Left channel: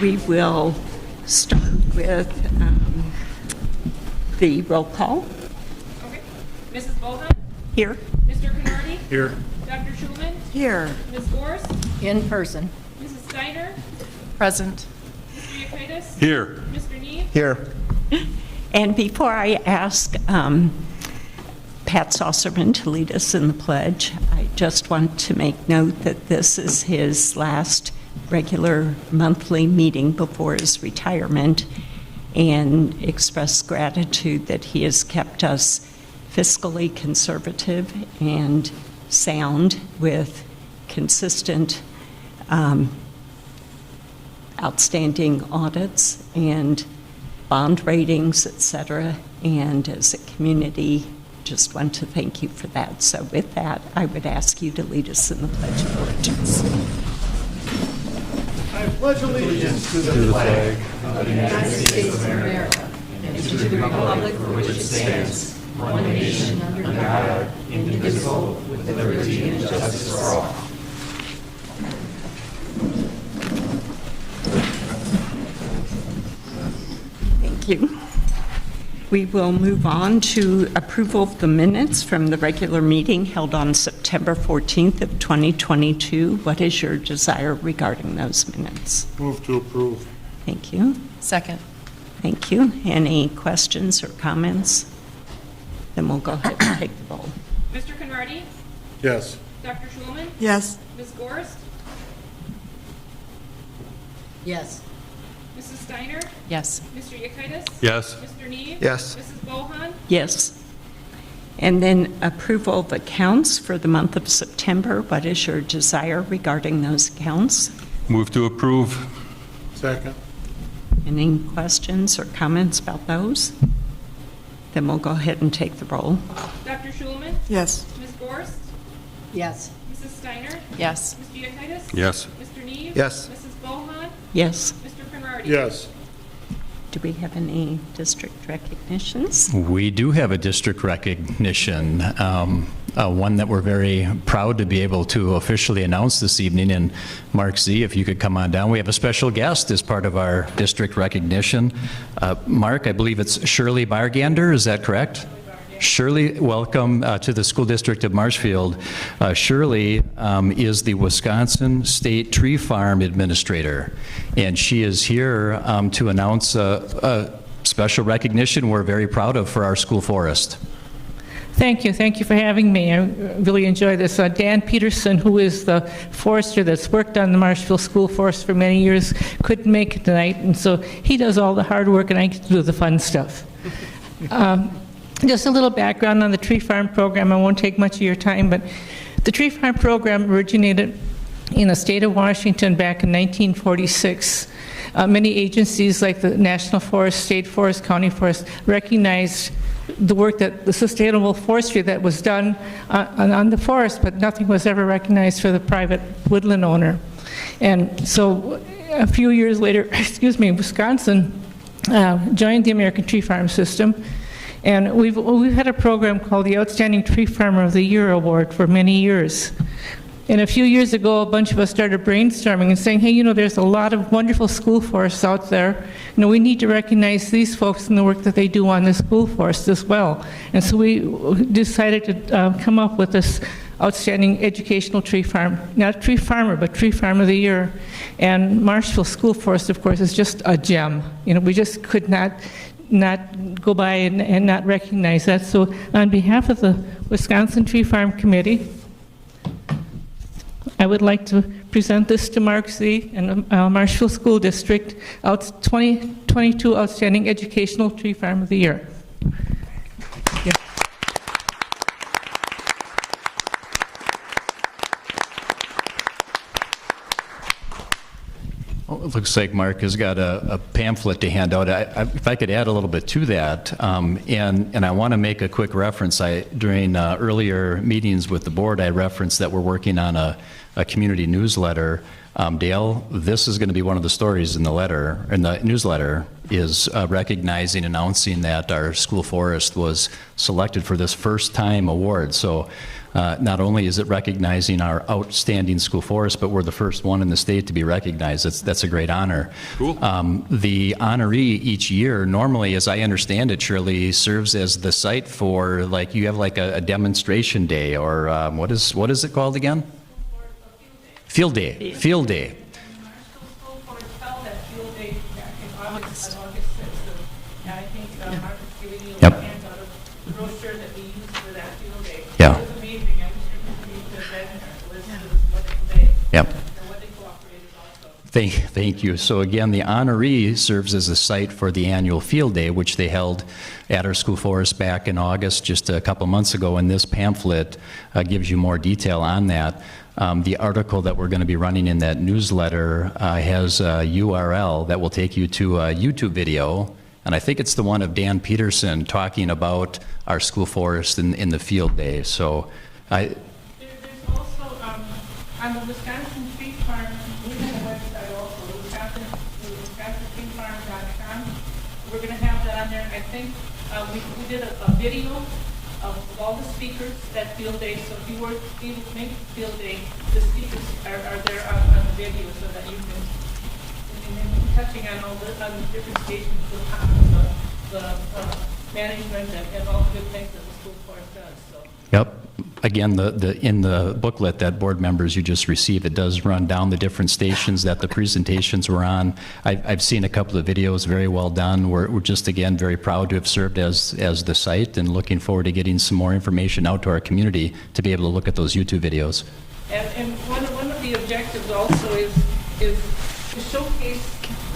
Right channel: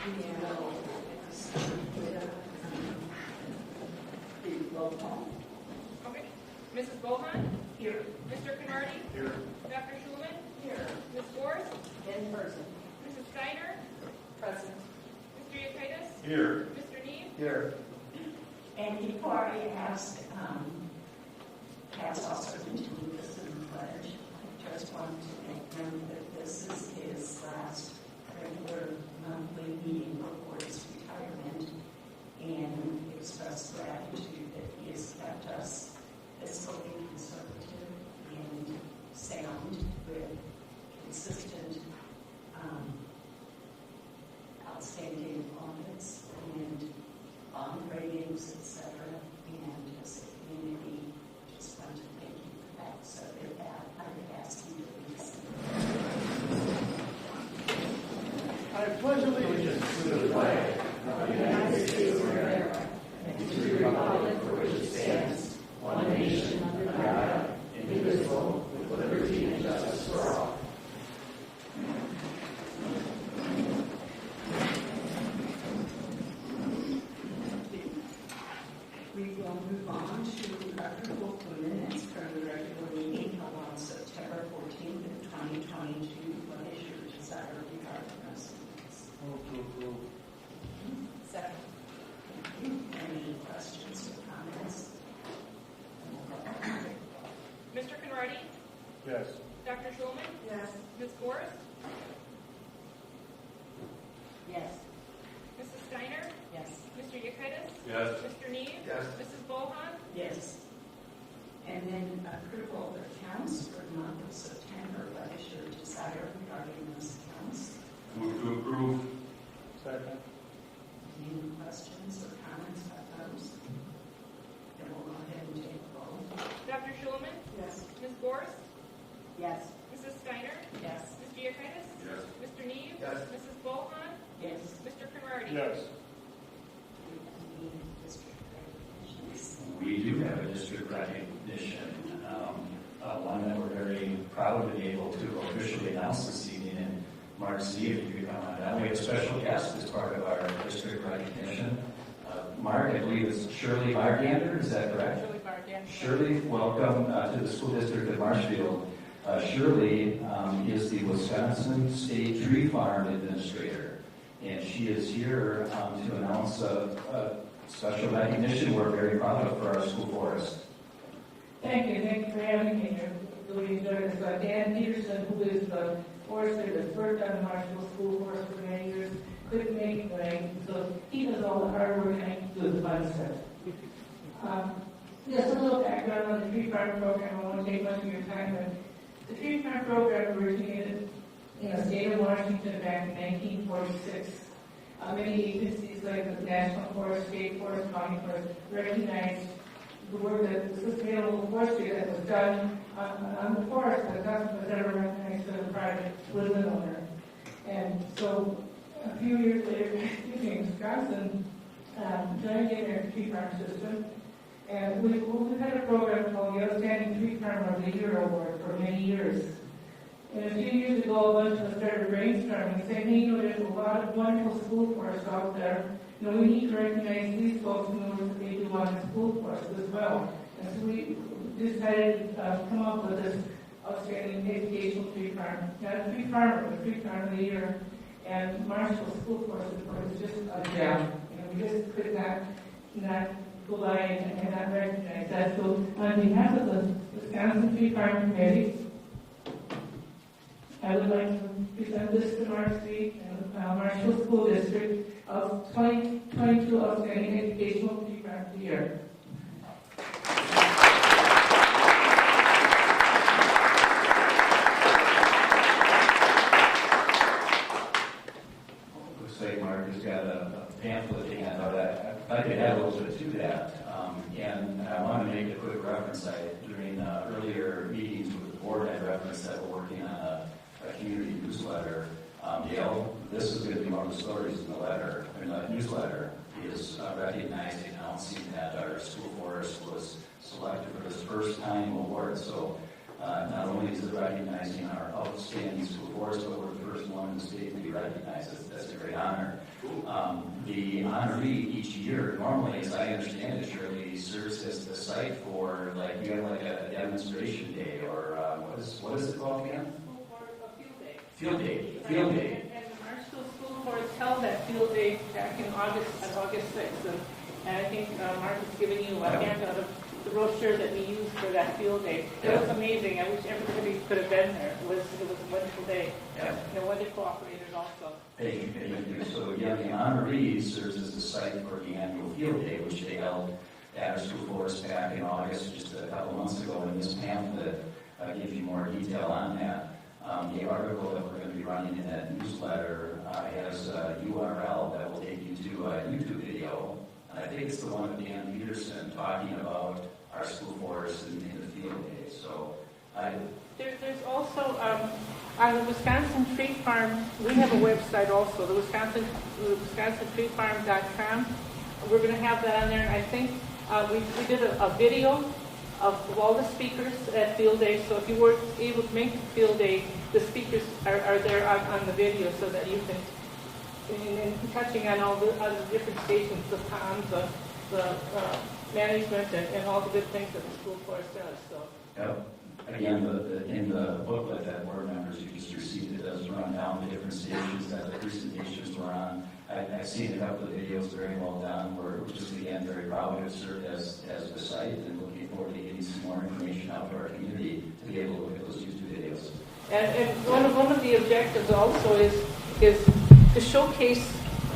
We will start with the roll call. Okay. Mrs. Bohan? Here. Mr. Canardi? Here. Dr. Schulman? Here. Ms. Gorst? In person. Mrs. Steiner? Present. Mr. Yekitis? Here. Mr. Neve? Here. And before I ask Pat Saucerman to lead us in the pledge, I just want to make note that this is his last regular monthly meeting before his retirement, and express gratitude that he has kept us fiscally conservative and sound with consistent outstanding audits and bond ratings, et cetera. And as a community, just want to thank you for that. So with that, I would ask you to lead us in the Pledge of Allegiance. I pledge allegiance to the flag of the United States of America and to the republic for which it stands, one nation under God, indivisible, with liberty and justice for all. Thank you. We will move on to approval of the minutes from the regular meeting held on September 14th of 2022. What is your desire regarding those minutes? Move to approve. Thank you. Second. Thank you. Any questions or comments? Then we'll go ahead and take the roll. Mr. Canardi? Yes. Dr. Schulman? Yes. Ms. Gorst? Yes. Mrs. Steiner? Yes. Mr. Yekitis? Yes. Mr. Neve? Yes. Mrs. Bohan? Yes. And then approval of accounts for the month of September. What is your desire regarding those accounts? Move to approve. Second. Any questions or comments about those? Then we'll go ahead and take the roll. Dr. Schulman? Yes. Ms. Gorst? Yes. Mrs. Steiner? Yes. Mr. Yekitis? Yes. Mr. Neve? Yes. Mrs. Bohan? Yes. Mr. Canardi? Yes. Do we have any district recognitions? We do have a district recognition, one that we're very proud to be able to officially announce this evening. And Mark Z, if you could come on down. We have a special guest as part of our district recognition. Mark, I believe it's Shirley Bargander, is that correct? Shirley, welcome to the School District of Marshfield. Shirley is the Wisconsin State Tree Farm Administrator, and she is here to announce a special recognition we're very proud of for our school forest. Thank you for having me. I really enjoy this. Dan Peterson, who is the forester that's worked on the Marshfield School Forest for many years, couldn't make it tonight, and so he does all the hard work and I get to do the fun stuff. Just a little background on the Tree Farm program. I won't take much of your time, but the Tree Farm program originated in the state of Washington back in 1946. Many agencies like the National Forest, State Forest, County Forest recognized the work that the sustainable forestry that was done on the forest, but nothing was ever recognized for the private woodland owner. And so a few years later, Wisconsin joined the American Tree Farm System. And we've had a program called the Outstanding Tree Farmer of the Year Award for many years. And a few years ago, a bunch of us started brainstorming and saying, hey, you know, there's a lot of wonderful school forests out there. You know, we need to recognize these folks and the work that they do on the school forest as well. And so we decided to come up with this outstanding educational tree farm, not tree farmer, but tree farm of the year. And Marshfield School Forest, of course, is just a gem. You know, we just could not go by and not recognize that. So on behalf of the Wisconsin Tree Farm Committee, I would like to present this to Mark Z. and Marshfield School District, 2022 Outstanding Educational Tree Farm of the Year. Thank you. Well, it looks like Mark has got a pamphlet to hand out. If I could add a little bit to that, and I want to make a quick reference. During earlier meetings with the board, I referenced that we're working on a community newsletter Dale, this is going to be one of the stories in the newsletter, is recognizing, announcing that our school forest was selected for this first-time award. So not only is it recognizing our outstanding school forest, but we're the first one in the state to be recognized. That's a great honor. Cool. The honoree each year, normally, as I understand it, Shirley, serves as the site for, like, you have like a demonstration day, or what is it called again? Field day. Field day. And our school board held that field day back in August 6th. And I think Mark is giving you a Yep. handout of the brochure that we used for that field day. Yeah. It was amazing. I wish everybody could have been there to listen to this wonderful day. Yep. They're wonderful operators also. Thank you. So again, the honoree serves as a site for the annual field day, which they held at our school forest back in August, just a couple months ago, and this pamphlet gives you more detail on that. The article that we're going to be running in that newsletter has a URL that will take you to a YouTube video, and I think it's the one of Dan Peterson talking about our school forest in the field day. So There's also, on the Wisconsin Tree Farm, we have a website also, the WisconsinTreeFarm.com. We're going to have that on there, and I think we did a video of all the speakers at Field Day, so if you were able to make Field Day, the speakers are there on the video so that you can, and touching on all the other different stations, the ponds, the management, and all the good things that the school forest does, so. Yep. Again, in the booklet that board members you just received, it does run down the different stations that the presentations were on. I've seen a couple of videos, very well done. We're just, again, very proud to have served as the site, and looking forward to getting some more information out to our community to be able to look at those YouTube videos. And one of the objectives also is to showcase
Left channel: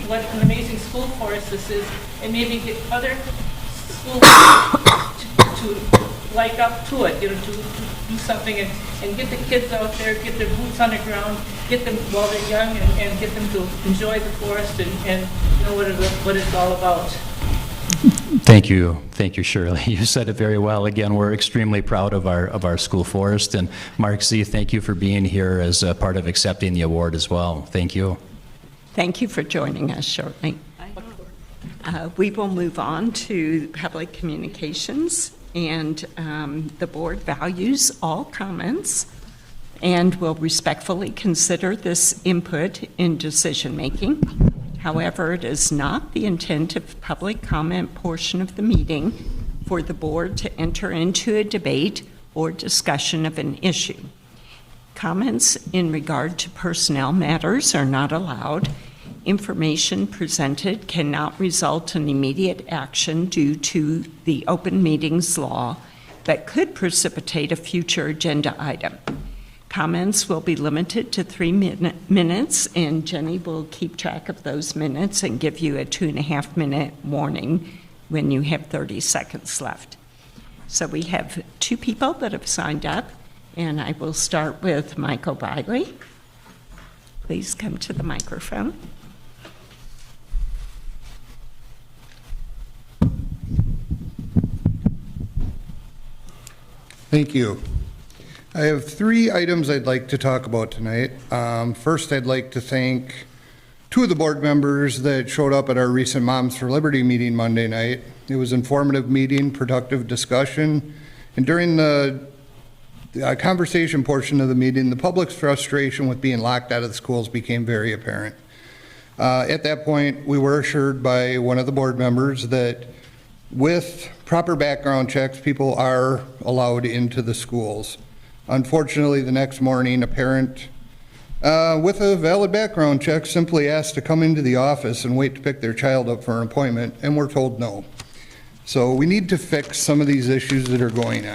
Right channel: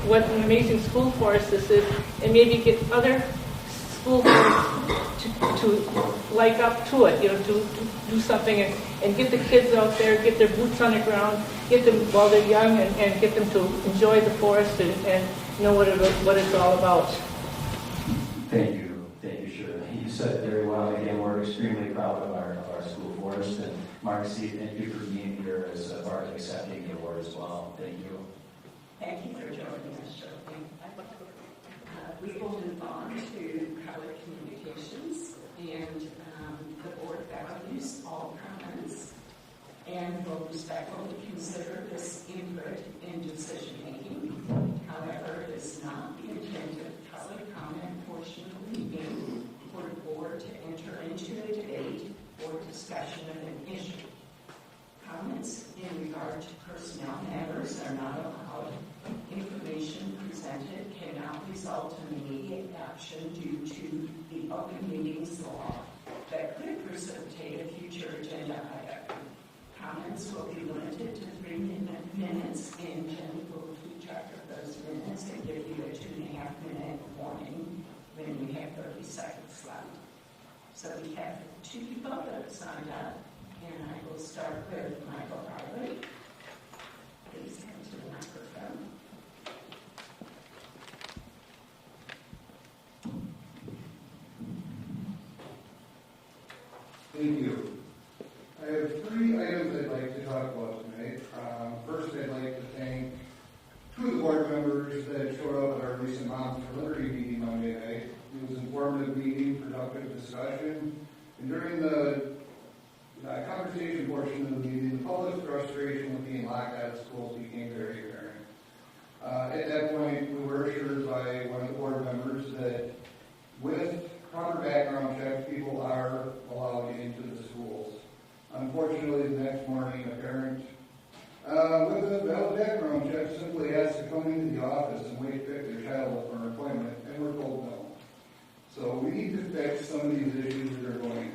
what an amazing school forest this is, and maybe get other schools to like up to it, to do something and get the kids out there, get their boots on the ground, get them while they're young, and get them to enjoy the forest and know what it's all about. Thank you, Shirley. You said it very well. Again, we're extremely proud of our school forest. And Mark Z., thank you for being here as a part of accepting the award as well. Thank you. Thank you for joining us shortly. We will move on to public communications, and the board values all comments and will respectfully consider this input in decision-making. However, it is not the intent of the public comment portion of the meeting for the board to enter into a debate or discussion of an issue. Comments in regard to personnel matters are not allowed. Information presented cannot result in immediate action due to the open meetings law that could precipitate a future agenda item. Comments will be limited to 3 minutes, and Jenny will keep track of those minutes and give you a 2.5-minute warning when you have 30 seconds left. So we have 2 people that have signed up, and I will start with Michael Biley. Please come to the microphone. Thank you. I have 3 items I'd like to talk about tonight. First, I'd like to thank 2 of the board members that showed up at our recent Moms for Liberty meeting Monday night. It was an informative meeting, productive discussion, and during the conversation portion of the meeting, the public's frustration with being locked out of the schools became very apparent. At that point, we were assured by one of the board members that with proper background checks, people are allowed into the schools. Unfortunately, the next morning, a parent with a valid background check simply asked to come into the office and wait to pick their child up for an appointment, and we're told no. So we need to fix some of these issues that are going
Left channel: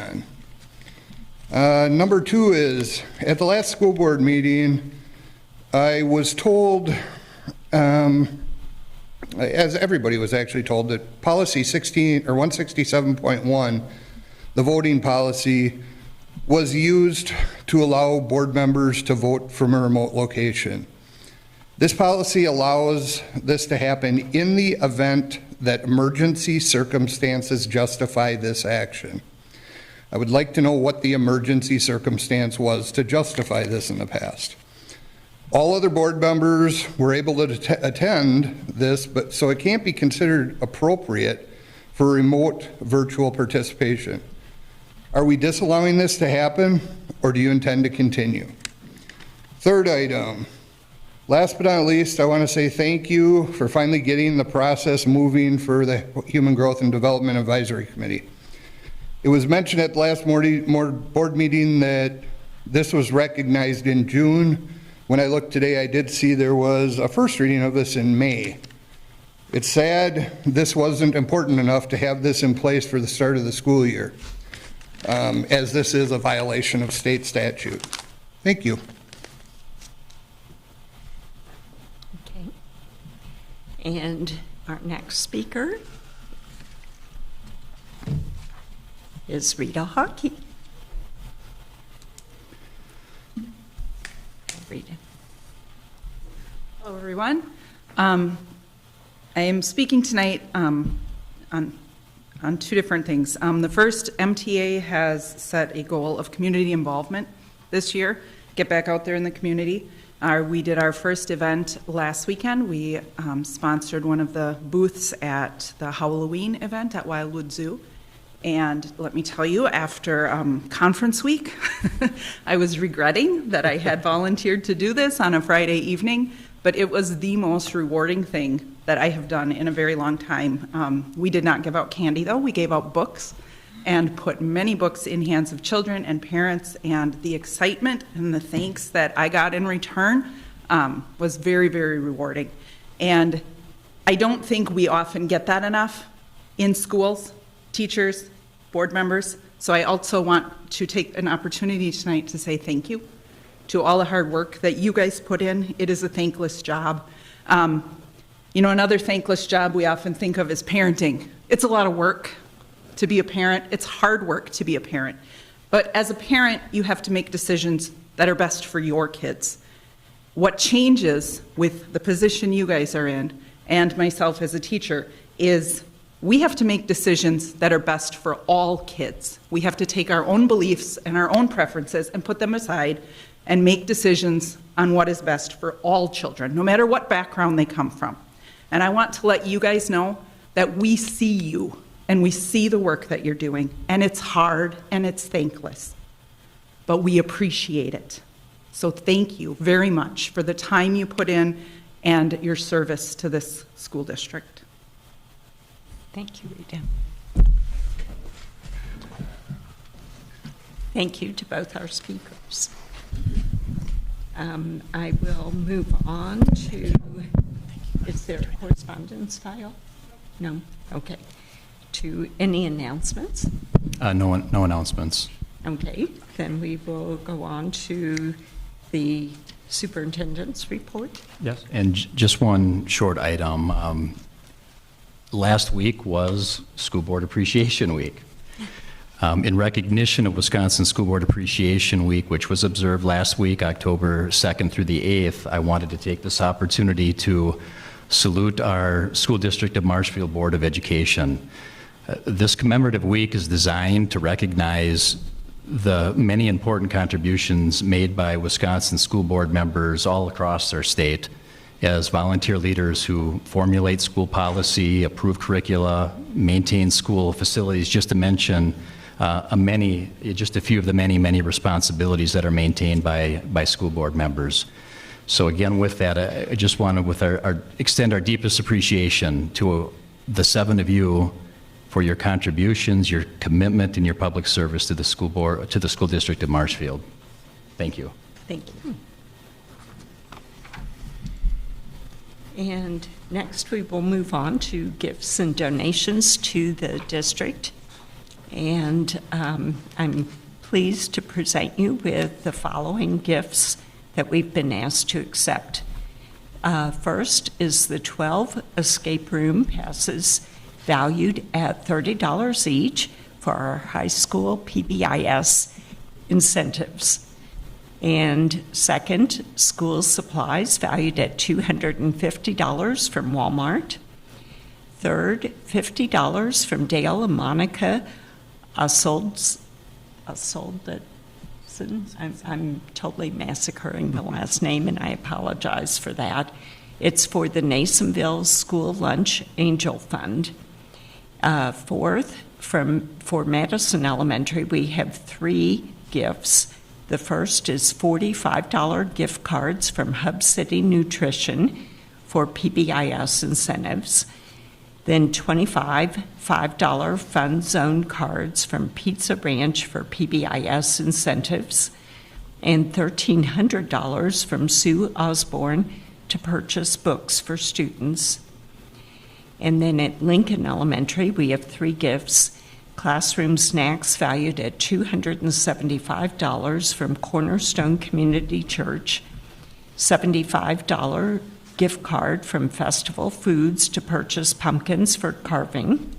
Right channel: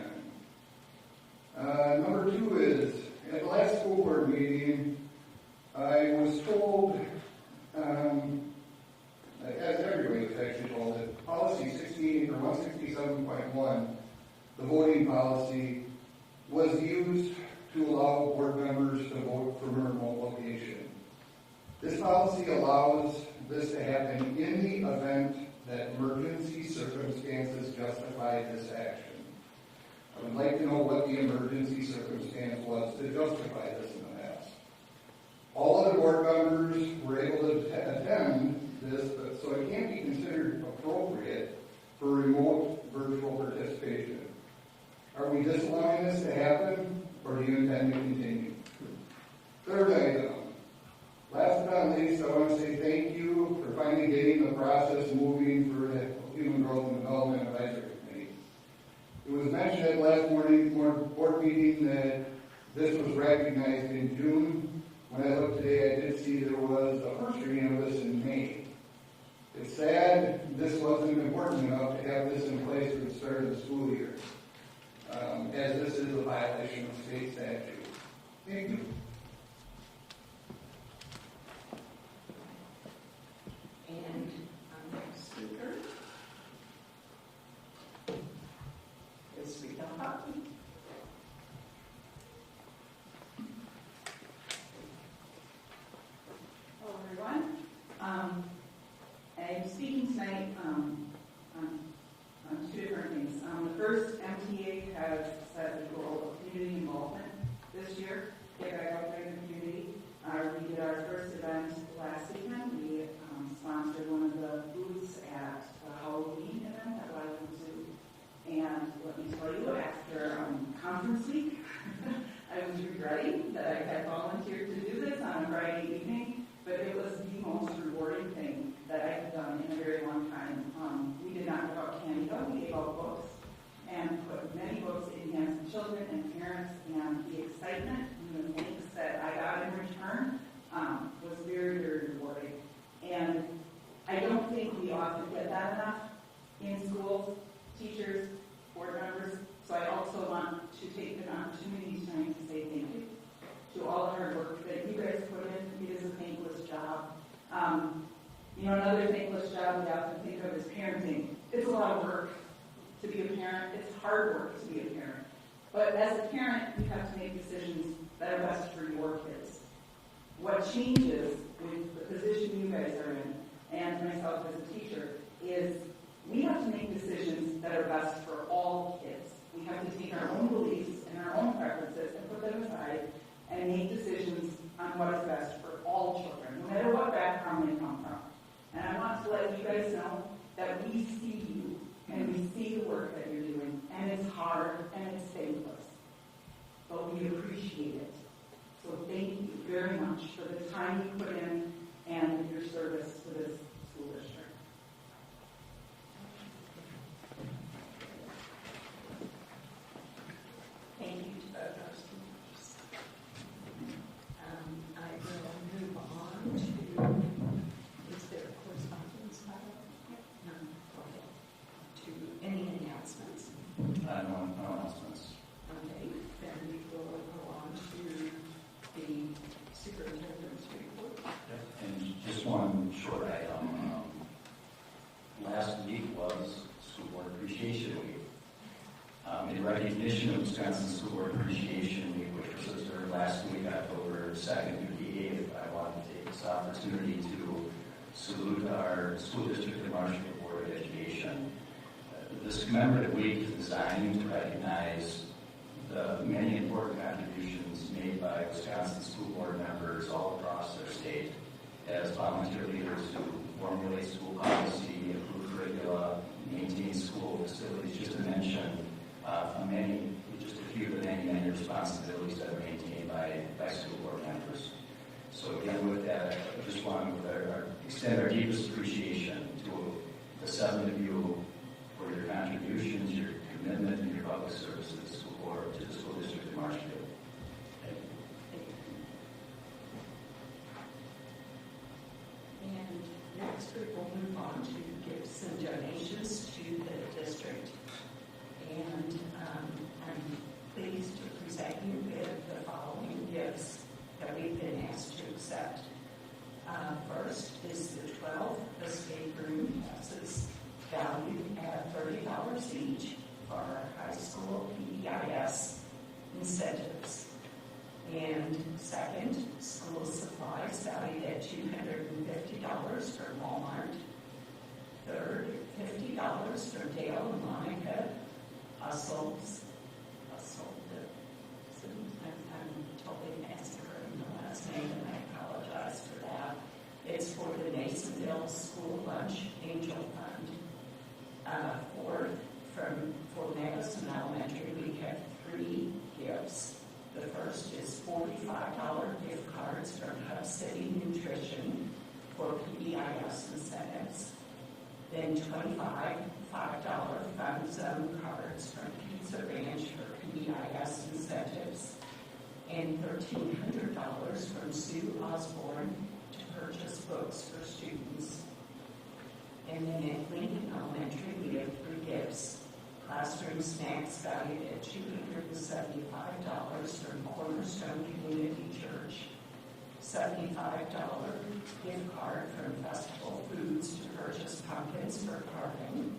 on. Number 2 is, at the last school board meeting, I was told, as everybody was actually told, that policy 167.1, the voting policy, was used to allow board members to vote from a remote location. This policy allows this to happen in the event that emergency circumstances justify this action. I would like to know what the emergency circumstance was to justify this in the past. All other board members were able to attend this, but so it can't be considered appropriate for remote virtual participation. Are we disallowing this to happen, or do you intend to continue? Third item, last but not least, I want to say thank you for finally getting the process moving for the Human Growth and Development Advisory Committee. It was mentioned at the last board meeting that this was recognized in June. When I looked today, I did see there was a first reading of this in May. It's sad this wasn't important enough to have this in place for the start of the school year, as this is a violation of state statute. Thank you. Okay. And our next speaker is Rita Hockey. Rita. Hello, everyone. I am speaking tonight on two different things. The first, MTA has set a goal of community involvement this year, get back out there in the community. We did our first event last weekend. We sponsored one of the booths at the Halloween event at Wildwood Zoo. And let me tell you, after conference week, I was regretting that I had volunteered to do this on a Friday evening, but it was the most rewarding thing that I have done in a very long time. We did not give out candy, though. We gave out books and put many books in hands of children and parents, and the excitement and the thanks that I got in return was very, very rewarding. And I don't think we often get that enough in schools, teachers, board members. So I also want to take an opportunity tonight to say thank you to all the hard work that you guys put in. It is a thankless job. You know, another thankless job we often think of is parenting. It's a lot of work to be a parent. It's hard work to be a parent. But as a parent, you have to make decisions that are best for your kids. What changes with the position you guys are in, and myself as a teacher, is we have to make decisions that are best for all kids. We have to take our own beliefs and our own preferences and put them aside and make decisions on what is best for all children, no matter what background they come from. And I want to let you guys know that we see you and we see the work that you're doing, and it's hard and it's thankless, but we appreciate it. So thank you very much for the time you put in and your service to this school district. Thank you, Rita. Thank you to both our speakers. I will move on to, is there a correspondence file? No? Okay. To any announcements? No announcements. Okay, then we will go on to the superintendent's report. Yes. And just one short item. Last week was School Board Appreciation Week. In recognition of Wisconsin School Board Appreciation Week, which was observed last week, October 2nd through the 8th, I wanted to take this opportunity to salute our School District of Marshfield Board of Education. This commemorative week is designed to recognize the many important contributions made by Wisconsin school board members all across our state as volunteer leaders who formulate school policy, approve curricula, maintain school facilities, just to mention just a few of the many responsibilities that are maintained by school board members. So again, with that, I just want to extend our deepest appreciation to the 7 of you for your contributions, your commitment, and your public service to the school board, to the school district of Marshfield. Thank you. Thank you. And next we will move on to gifts and donations to the district. And I'm pleased to present you with the following gifts that we've been asked to accept. First is the 12 escape room passes valued at $30 each for our high school PBIS incentives. And second, school supplies valued at $250 from Walmart. Third, $50 from Dale and Monica Asoldat Allison. I'm totally massacring the last name, and I apologize for that. It's for the Nasonville School Lunch Angel Fund. Fourth, for Madison Elementary, we have 3 gifts. The first is $45 gift cards from Hub City Nutrition for PBIS incentives. Then 25 $5 Fun Zone cards from Pizza Ranch for PBIS incentives, and $1,300 from Sue Osborne to purchase books for students. And then at Lincoln Elementary, we have 3 gifts: classroom snacks valued at $275 from Cornerstone Community Church, $75 gift card from Festival Foods to purchase pumpkins for carving,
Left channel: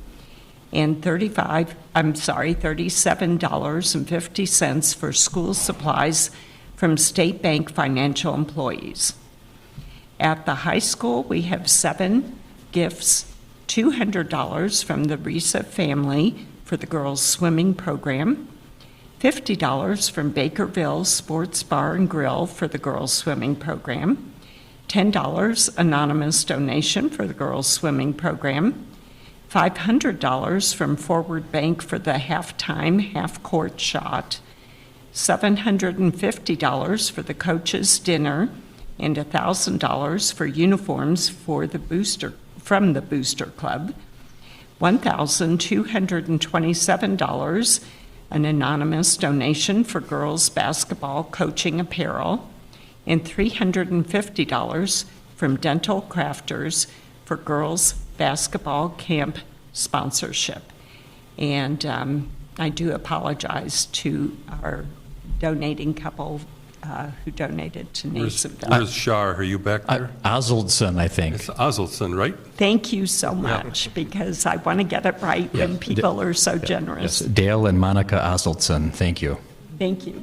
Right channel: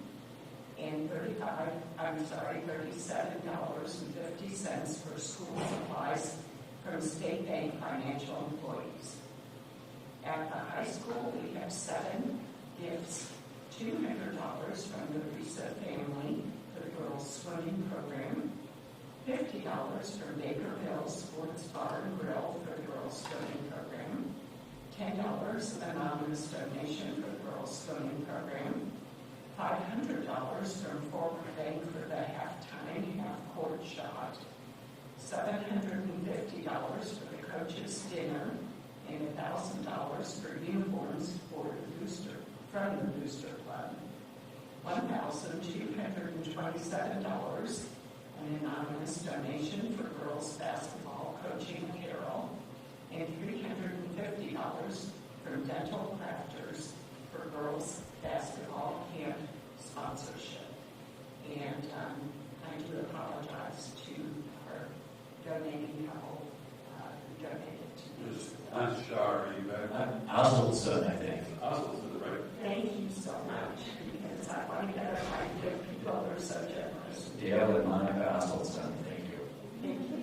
and $37.50 for school supplies from State Bank financial employees. At the high school, we have 7 gifts: $200 from the Risa family for the girls' swimming program, $50 from Bakerville Sports Bar and Grill for the girls' swimming program, $10 anonymous donation for the girls' swimming program, $500 from Forward Bank for the halftime half-court shot, $750 for the coaches' dinner, and $1,000 for uniforms from the Booster Club, $1,227 an anonymous donation for girls' basketball coaching apparel, and $350 from Dental Crafters for girls' basketball camp sponsorship. And I do apologize to our donating couple who donated to Nasonville. Where's Shar? Are you back there? Osaldson, I think. It's Osaldson, right? Thank you so much, because I want to get it right when people are so generous. Yes, Dale and Monica Osaldson, thank you. Thank you.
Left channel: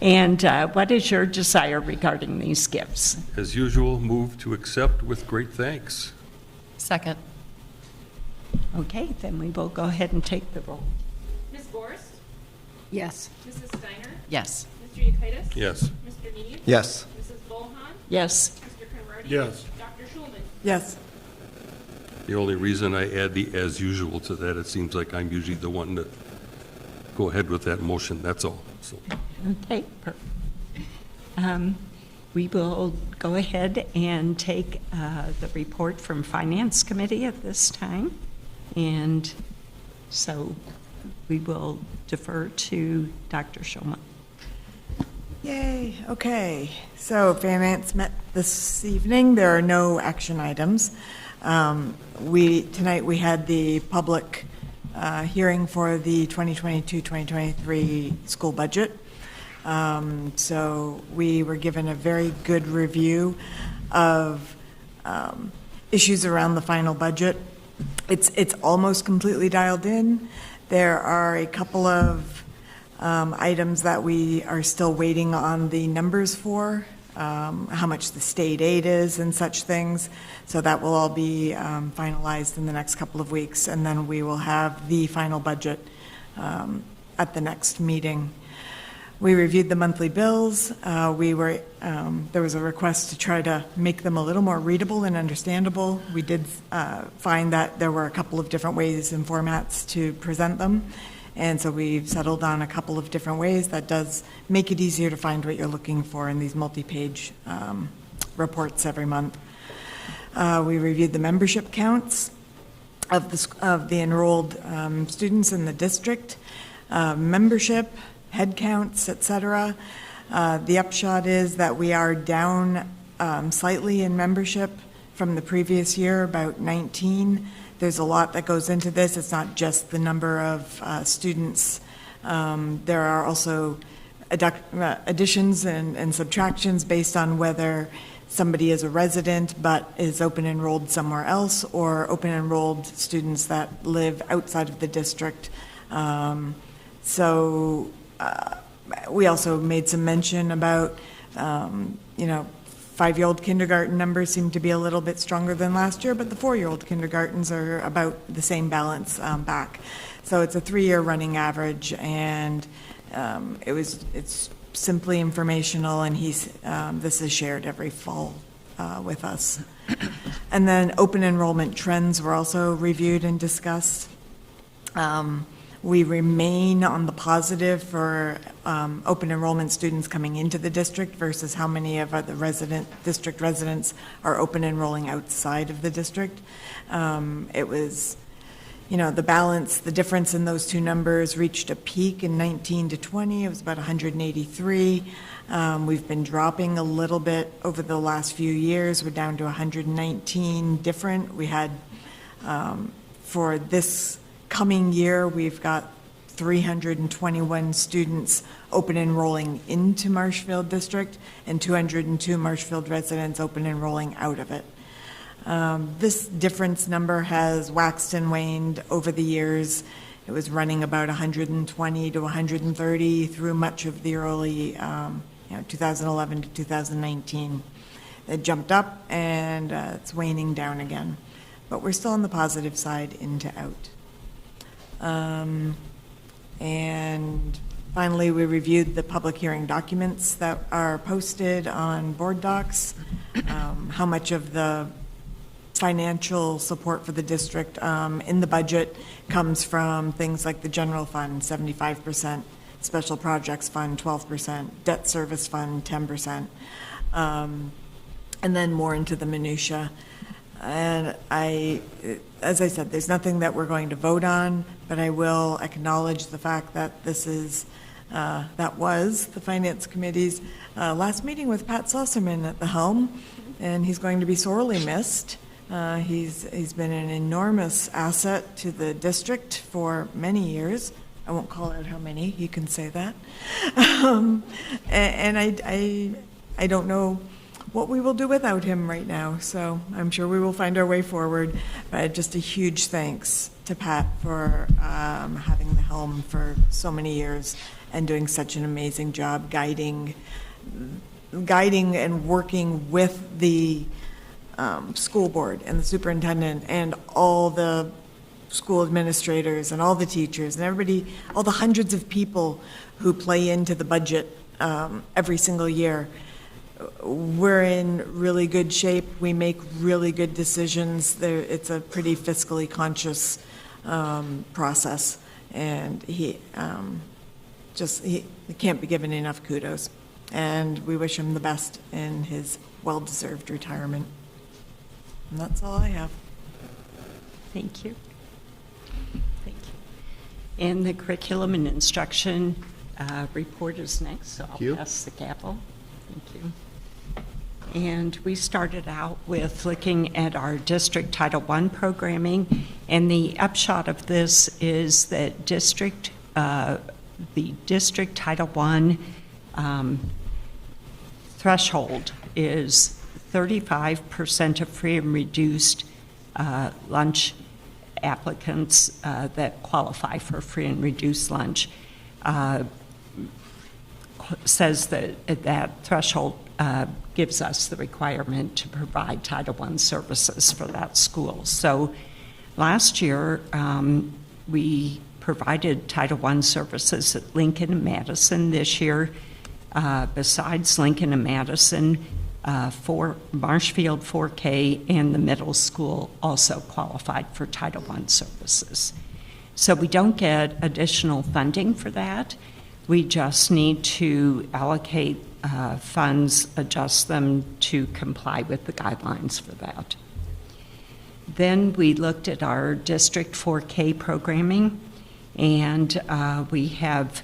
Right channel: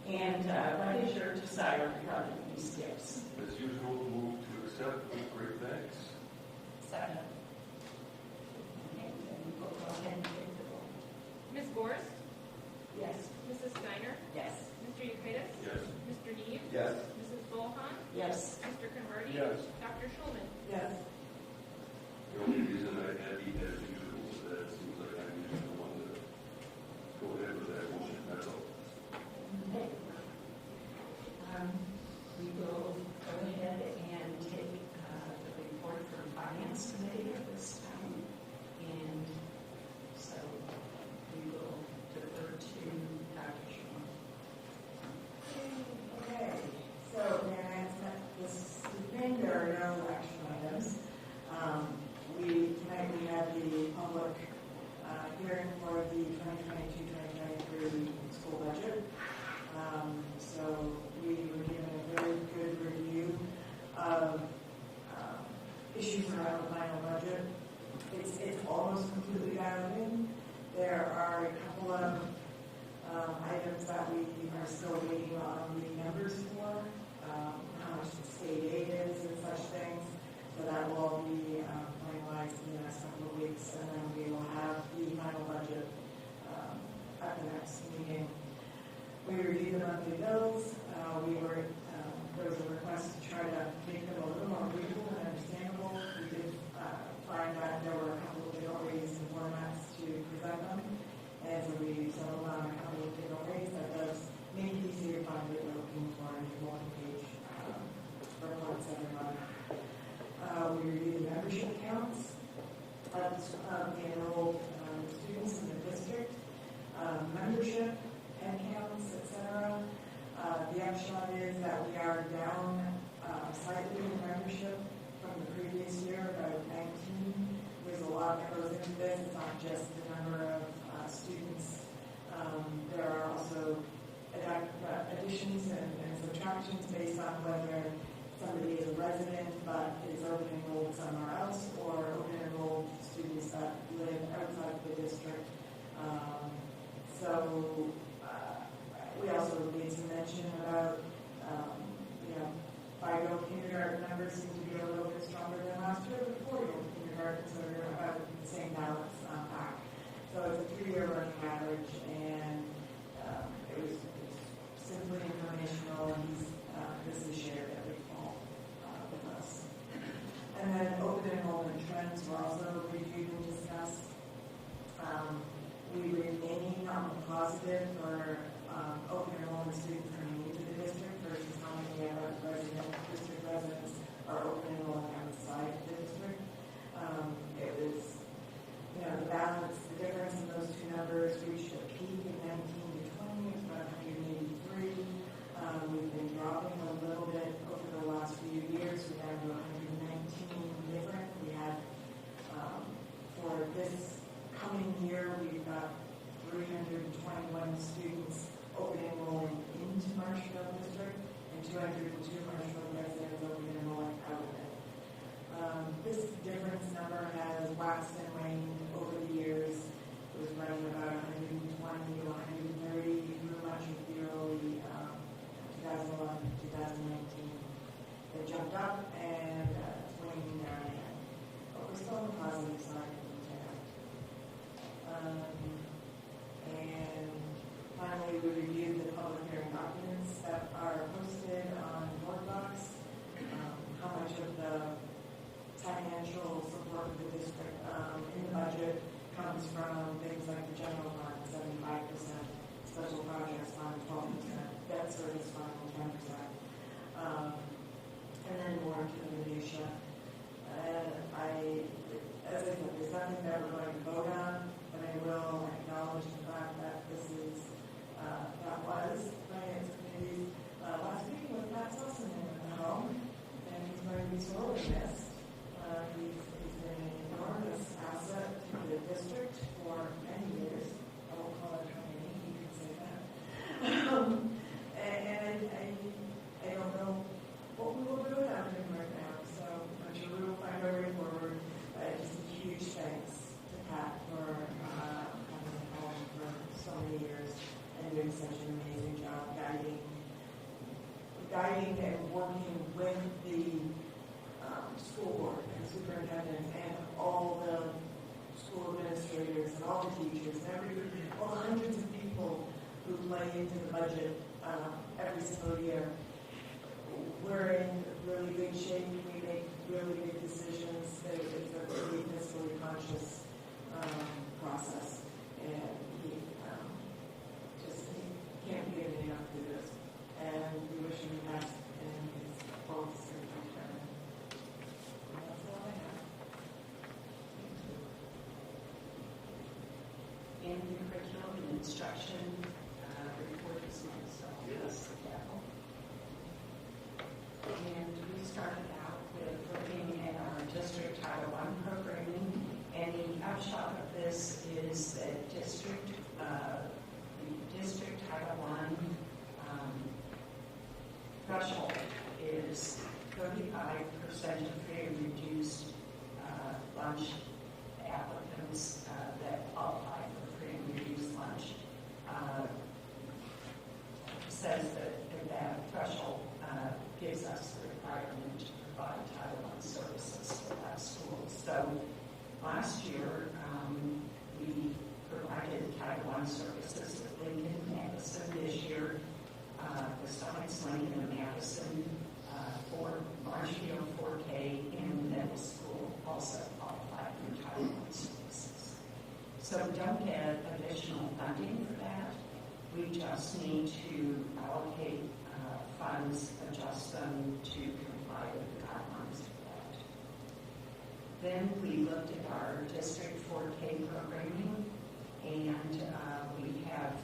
And what is your desire regarding these gifts? As usual, move to accept with great thanks. Second. Okay, then we will go ahead and take the roll. Ms. Gorst? Yes. Mrs. Steiner? Yes. Mr. Yekitis? Yes. Mr. Neve? Yes. Mrs. Bohan? Yes. Mr. Conrady? Yes. Dr. Schulman? Yes. The only reason I add the as usual to that, it seems like I'm usually the one to go ahead with that motion, that's all. So, Okay, perfect. We will go ahead and take the report from Finance Committee at this time. And so we will defer to Dr. Schulman. Yay, okay. So Finance met this evening. There are no action items. Tonight we had the public hearing for the 2022-2023 school budget. So we were given a very good review of issues around the final budget. It's almost completely dialed in. There are a couple of items that we are still waiting on the numbers for, how much the state aid is and such things. So that will all be finalized in the next couple of weeks, and then we will have the final budget at the next meeting. We reviewed the monthly bills. There was a request to try to make them a little more readable and understandable. We did find that there were a couple of different ways and formats to present them. And so we've settled on a couple of different ways that does make it easier to find what you're looking for in these multi-page reports every month. We reviewed the membership counts of the enrolled students in the district, membership, head counts, et cetera. The upshot is that we are down slightly in membership from the previous year, about 19. There's a lot that goes into this. It's not just the number of students. There are also additions and subtractions based on whether somebody is a resident but is open enrolled somewhere else, or open enrolled students that live outside of the district. We also made some mention about, 5-year-old kindergarten numbers seem to be a little bit stronger than last year, but the 4-year-old kindergartens are about the same balance back. So it's a 3-year running average, and it's simply informational, and this is shared every fall with us. And then open enrollment trends were also reviewed and discussed. We remain on the positive for open enrollment students coming into the district versus how many of the district residents are open enrolling outside of the district. It was, the balance, the difference in those two numbers reached a peak in 19 to 20. It was about 183. We've been dropping a little bit over the last few years. We're down to 119 different. We had, for this coming year, we've got 321 students open enrolling into Marshfield District and 202 Marshfield residents open enrolling out of it. This difference number has waxed and waned over the years. It was running about 120 to 130 through much of the early 2011 to 2019. It jumped up and it's waning down again, but we're still on the positive side into out. And finally, we reviewed the public hearing documents that are posted on board docs, how much of the financial support for the district in the budget comes from things like the general fund, 75%, special projects fund, 12%, debt service fund, 10%, and then more into the minutia. And as I said, there's nothing that we're going to vote on, but I will acknowledge the fact that that was the Finance Committee's last meeting with Pat Susserman at the helm, and he's going to be sorely missed. He's been an enormous asset to the district for many years. I won't call out how many, you can say that. And I don't know what we will do without him right now, so I'm sure we will find our way forward. But just a huge thanks to Pat for having the helm for so many years and doing such an amazing job guiding and working with the school board and the superintendent and all the school administrators and all the teachers and everybody, all the hundreds of people who play into the budget every single year. We're in really good shape. We make really good decisions. It's a pretty fiscally conscious process, and he can't be given enough kudos. And we wish him the best in his well-deserved retirement. And that's all I have. Thank you. Thank you. And the curriculum and instruction report is next, so I'll pass the gavel. Thank you. And we started out with looking at our district Title I programming, and the upshot of this is that the district Title I threshold is 35% of free and reduced lunch applicants that qualify for free and reduced lunch says that threshold gives us the requirement to provide Title I services for that school. So last year, we provided Title I services at Lincoln and Madison. This year, besides Lincoln and Madison, for Marshfield 4K and the middle school also qualified for Title I services. So we don't get additional funding for that. We just need to allocate funds, adjust them to comply with the guidelines for that. Then we looked at our District 4K programming, and we have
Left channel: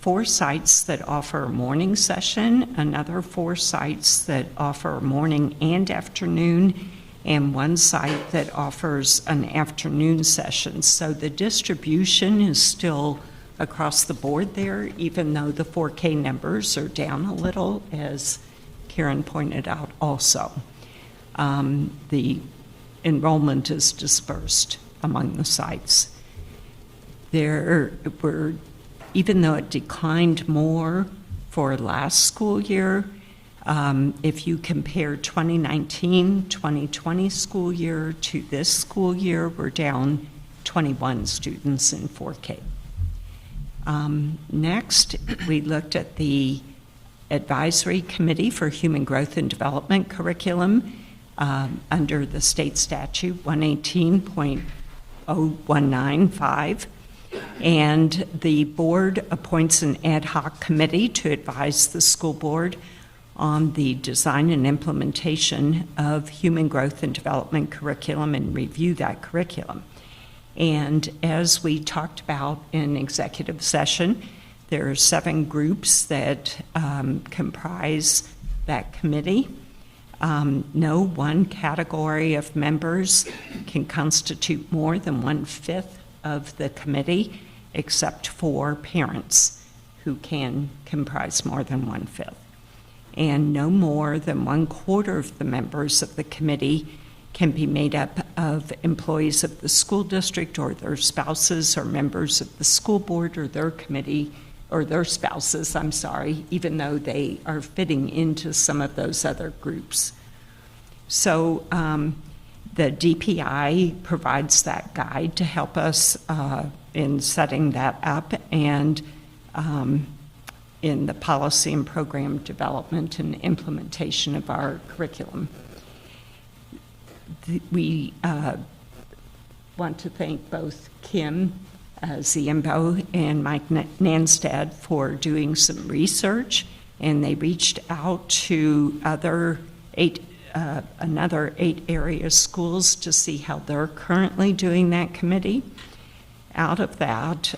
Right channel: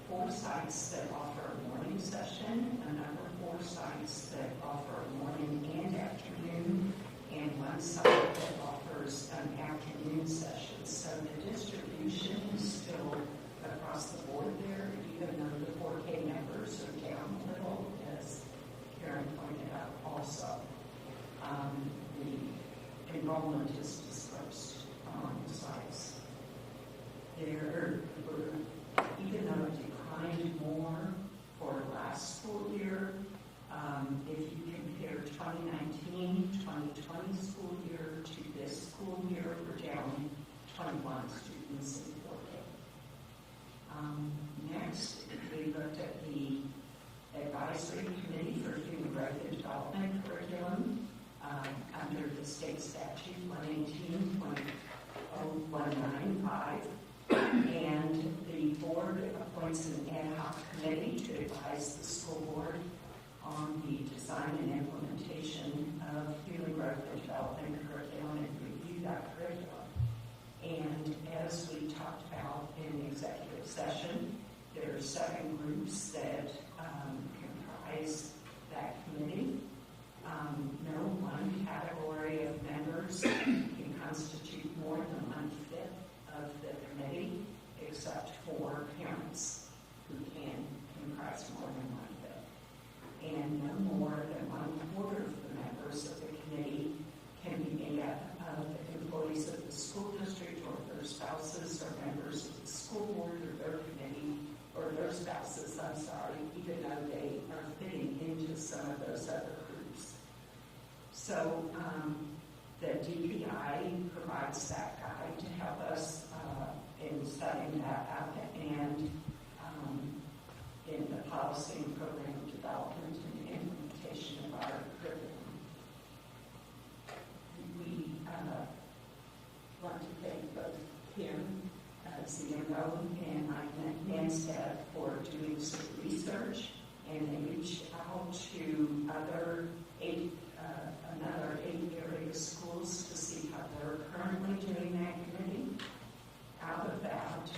4 sites that offer a morning session, another 4 sites that offer a morning and afternoon, and 1 site that offers an afternoon session. So the distribution is still across the board there, even though the 4K numbers are down a little, as Karen pointed out also. The enrollment is dispersed among the sites. There were, even though it declined more for last school year, if you compare 2019-2020 school year to this school year, we're down 21 students in 4K. Next, we looked at the Advisory Committee for Human Growth and Development Curriculum under the state statute 118.0195. And the board appoints an ad hoc committee to advise the school board on the design and implementation of human growth and development curriculum and review that curriculum. And as we talked about in executive session, there are 7 groups that comprise that committee. No one category of members can constitute more than 1/5 of the committee, except for parents, who can comprise more than 1/5. And no more than 1/4 of the members of the committee can be made up of employees of the school district or their spouses or members of the school board or their committee, or their spouses, I'm sorry, even though they are fitting into some of those other groups. So the DPI provides that guide to help us in setting that up and in the policy and program development and implementation of our curriculum. We want to thank both Kim Ziembo and Mike Nanstad for doing some research, and they reached out to another 8 area schools to see how they're currently doing that committee. Out of that,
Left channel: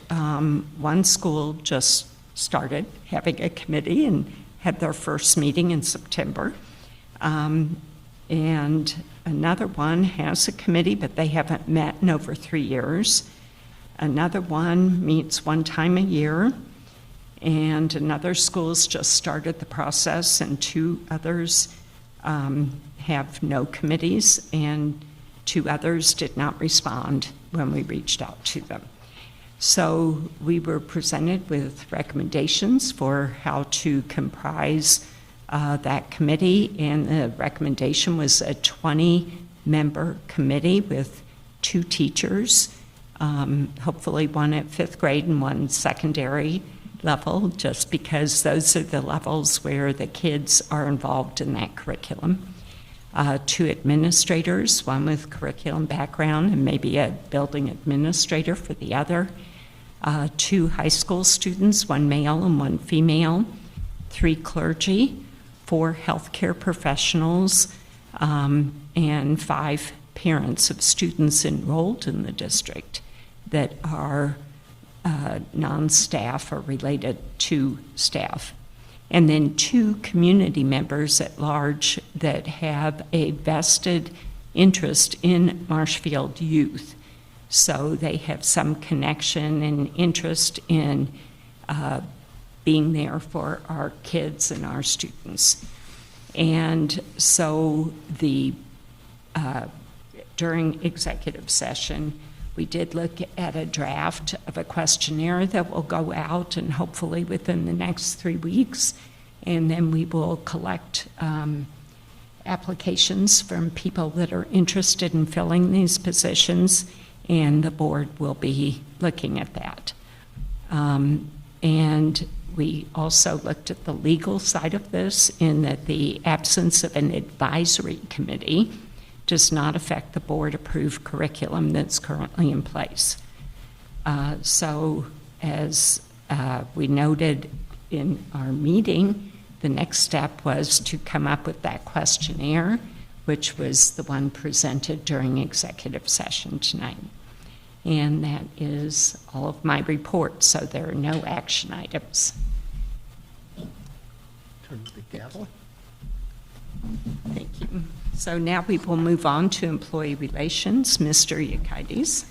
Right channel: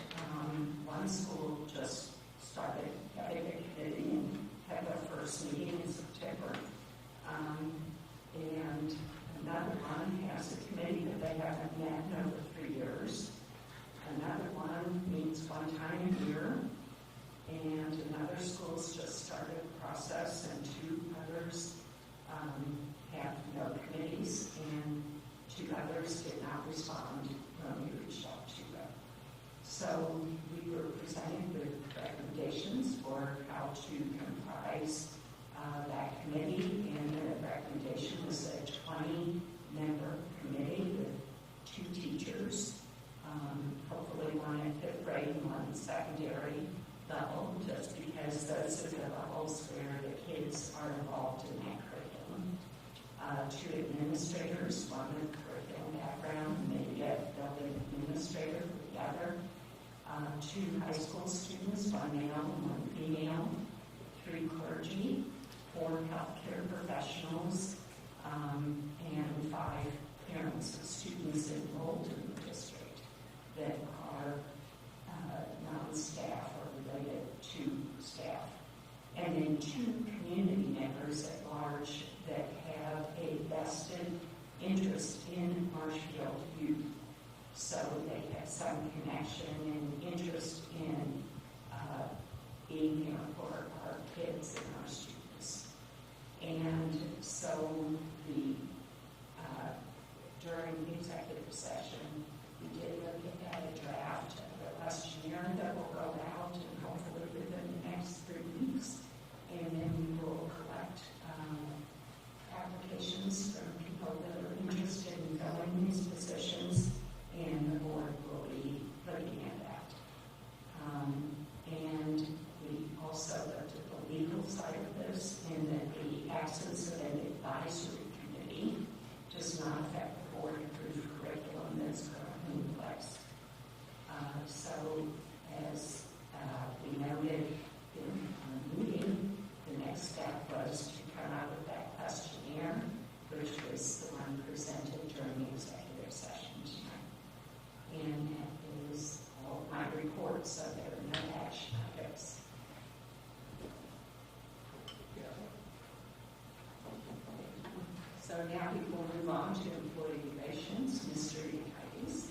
one school just started having a committee and had their first meeting in September. And another one has a committee, but they haven't met in over 3 years. Another one meets 1 time a year, and another school's just started the process, and 2 others have no committees, and 2 others did not respond when we reached out to them. So we were presented with recommendations for how to comprise that committee, and the recommendation was a 20-member committee with 2 teachers, hopefully 1 at 5th grade and 1 secondary level, just because those are the levels where the kids are involved in that curriculum. 2 administrators, 1 with curriculum background and maybe a building administrator for the other. 2 high school students, 1 male and 1 female. 3 clergy, 4 healthcare professionals, and 5 parents of students enrolled in the district that are non-staff or related to staff. And then 2 community members at large that have a vested interest in Marshfield youth. So they have some connection and interest in being there for our kids and our students. And so during executive session, we did look at a draft of a questionnaire that will go out, and hopefully within the next 3 weeks, and then we will collect applications from people that are interested in filling these positions, and the board will be looking at that. And we also looked at the legal side of this, in that the absence of an advisory committee does not affect the board-approved curriculum that's currently in place. So as we noted in our meeting, the next step was to come up with that questionnaire, which was the one presented during executive session tonight. And that is all of my report, so there are no action items. Thank you. So now we will move on to employee relations. Mr. Yekides.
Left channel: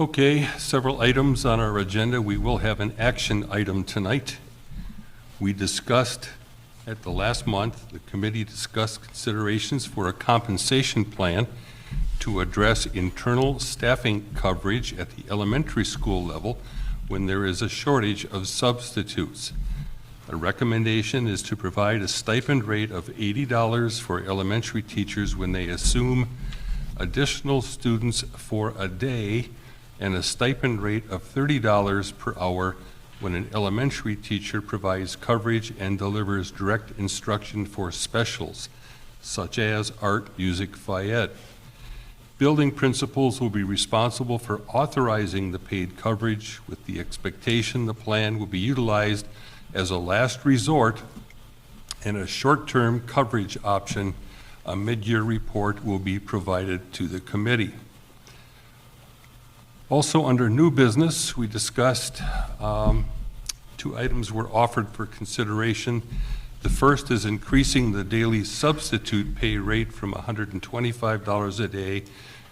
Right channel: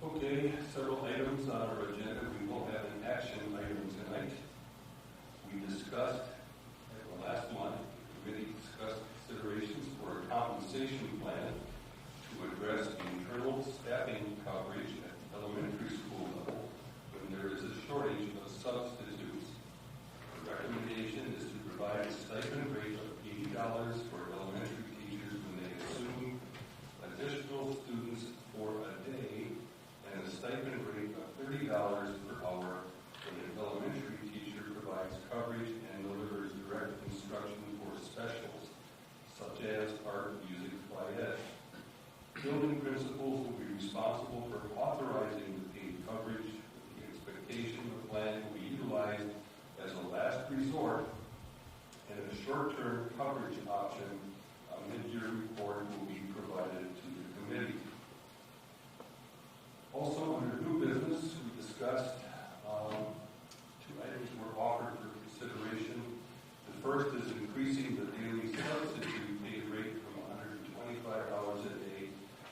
Okay, several items on our agenda. We will have an action item tonight. We discussed at the last month, the committee discussed considerations for a compensation plan to address internal staffing coverage at the elementary school level when there is a shortage of substitutes. A recommendation is to provide a stipend rate of $80 for elementary teachers when they assume additional students for a day, and a stipend rate of $30 per hour when an elementary teacher provides coverage and delivers direct instruction for specials, such as art, music, phy-ed. Building principals will be responsible for authorizing the paid coverage with the expectation the plan will be utilized as a last resort and a short-term coverage option. A mid-year report will be provided to the committee. Also, under new business, we discussed 2 items were offered for consideration. The first is increasing the daily substitute pay rate from $125 a day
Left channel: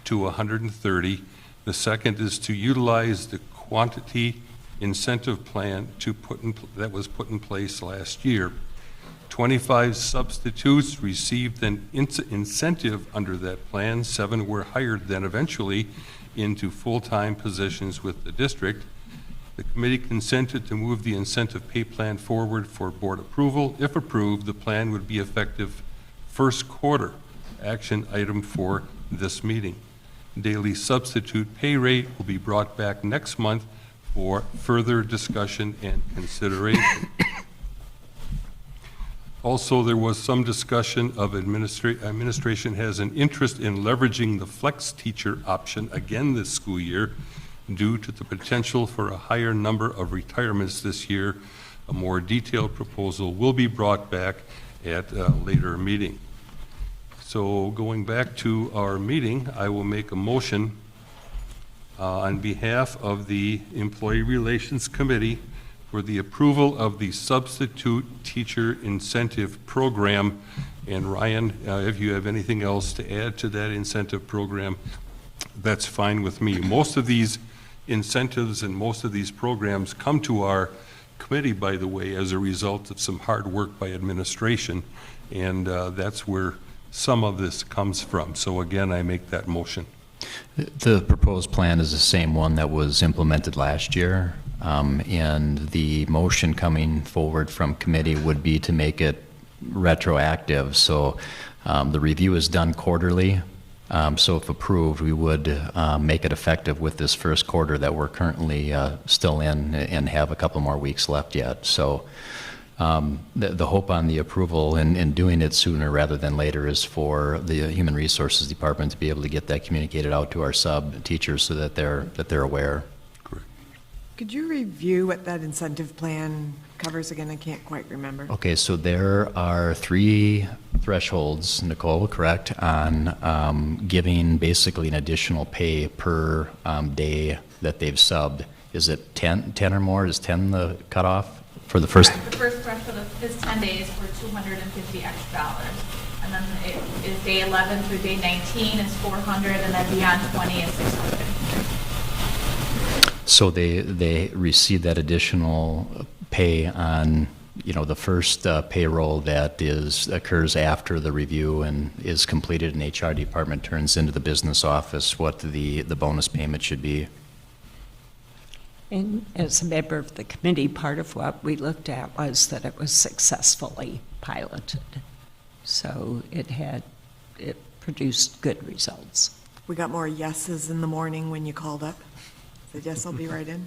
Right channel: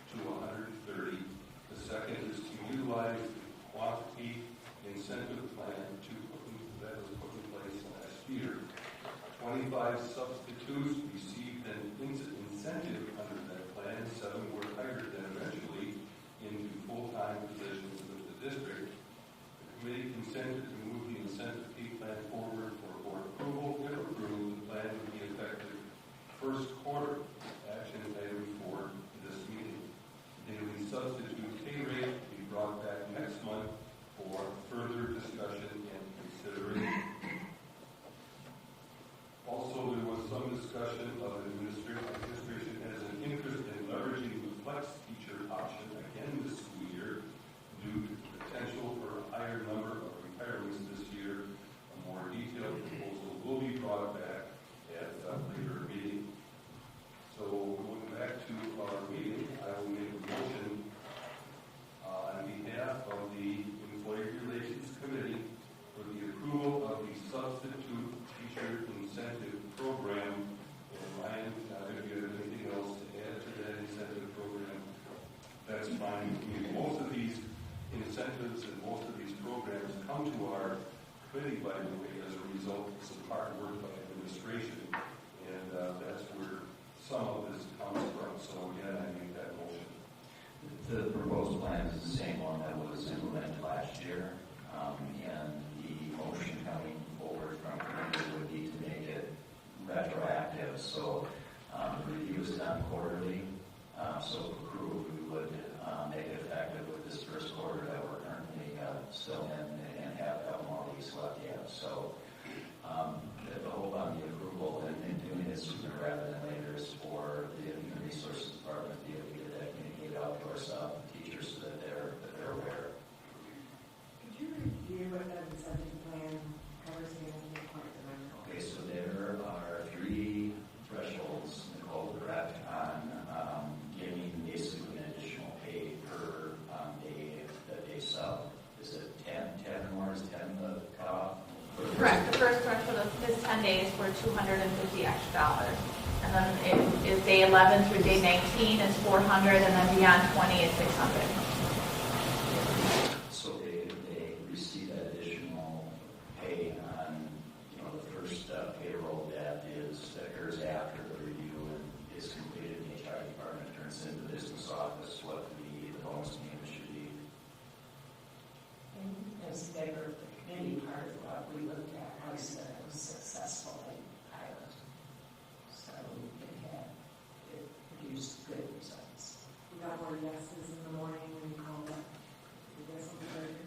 to $130. The second is to utilize the quantity incentive plan that was put in place last year. 25 substitutes received an incentive under that plan. 7 were hired then eventually into full-time positions with the district. The committee consented to move the incentive pay plan forward for board approval. If approved, the plan would be effective first quarter. Action item for this meeting. Daily substitute pay rate will be brought back next month for further discussion and consideration. Also, there was some discussion of administration has an interest in leveraging the flex teacher option again this school year due to the potential for a higher number of retirements this year. A more detailed proposal will be brought back at a later meeting. So going back to our meeting, I will make a motion on behalf of the Employee Relations Committee for the approval of the substitute teacher incentive program. And Ryan, if you have anything else to add to that incentive program, that's fine with me. Most of these incentives and most of these programs come to our committee, by the way, as a result of some hard work by administration, and that's where some of this comes from. So again, I make that motion. The proposed plan is the same one that was implemented last year, and the motion coming forward from committee would be to make it retroactive. So the review is done quarterly. So if approved, we would make it effective with this first quarter that we're currently still in and have a couple more weeks left yet. So the hope on the approval and doing it sooner rather than later is for the Human Resources Department to be able to get that communicated out to our sub teachers so that they're aware. Correct. Could you review what that incentive plan covers again? I can't quite remember. Okay, so there are 3 thresholds, Nicole, correct, on giving basically an additional pay per day that they've subbed. Is it 10 or more? Is 10 the cutoff for the first? Correct. The first threshold is 10 days for $250 extra. And then it is day 11 through day 19 is $400, and then beyond 20 is $600. So they receive that additional pay on, the first payroll that occurs after the review and is completed, and HR department turns into the business office what the bonus payment should be. And as a member of the committee, part of what we looked at was that it was successfully piloted. So it produced good results. We got more yeses in the morning when you called up. Said, yes, I'll be right in.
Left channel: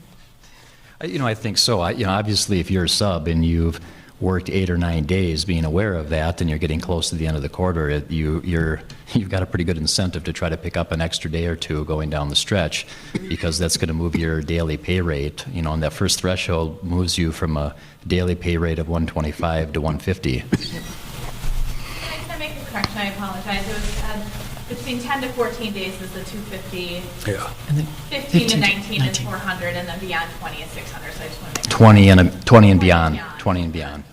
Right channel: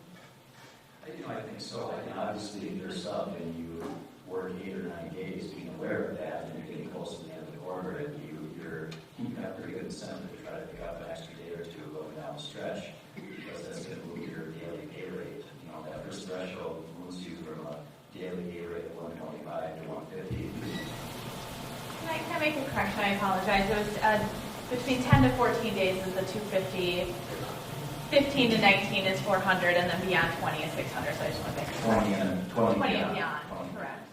I think so. Obviously, if you're a sub and you've worked 8 or 9 days, being aware of that, and you're getting close to the end of the quarter, you've got a pretty good incentive to try to pick up an extra day or 2 going down the stretch, because that's going to move your daily pay rate. And that first threshold moves you from a daily pay rate of $125 to $150. Can I make a correction? I apologize. It was between 10 to 14 days is the 250. Yeah. 15 to 19 is 400, and then beyond 20 is 600. So I just want to make 20 and beyond. 20 and beyond.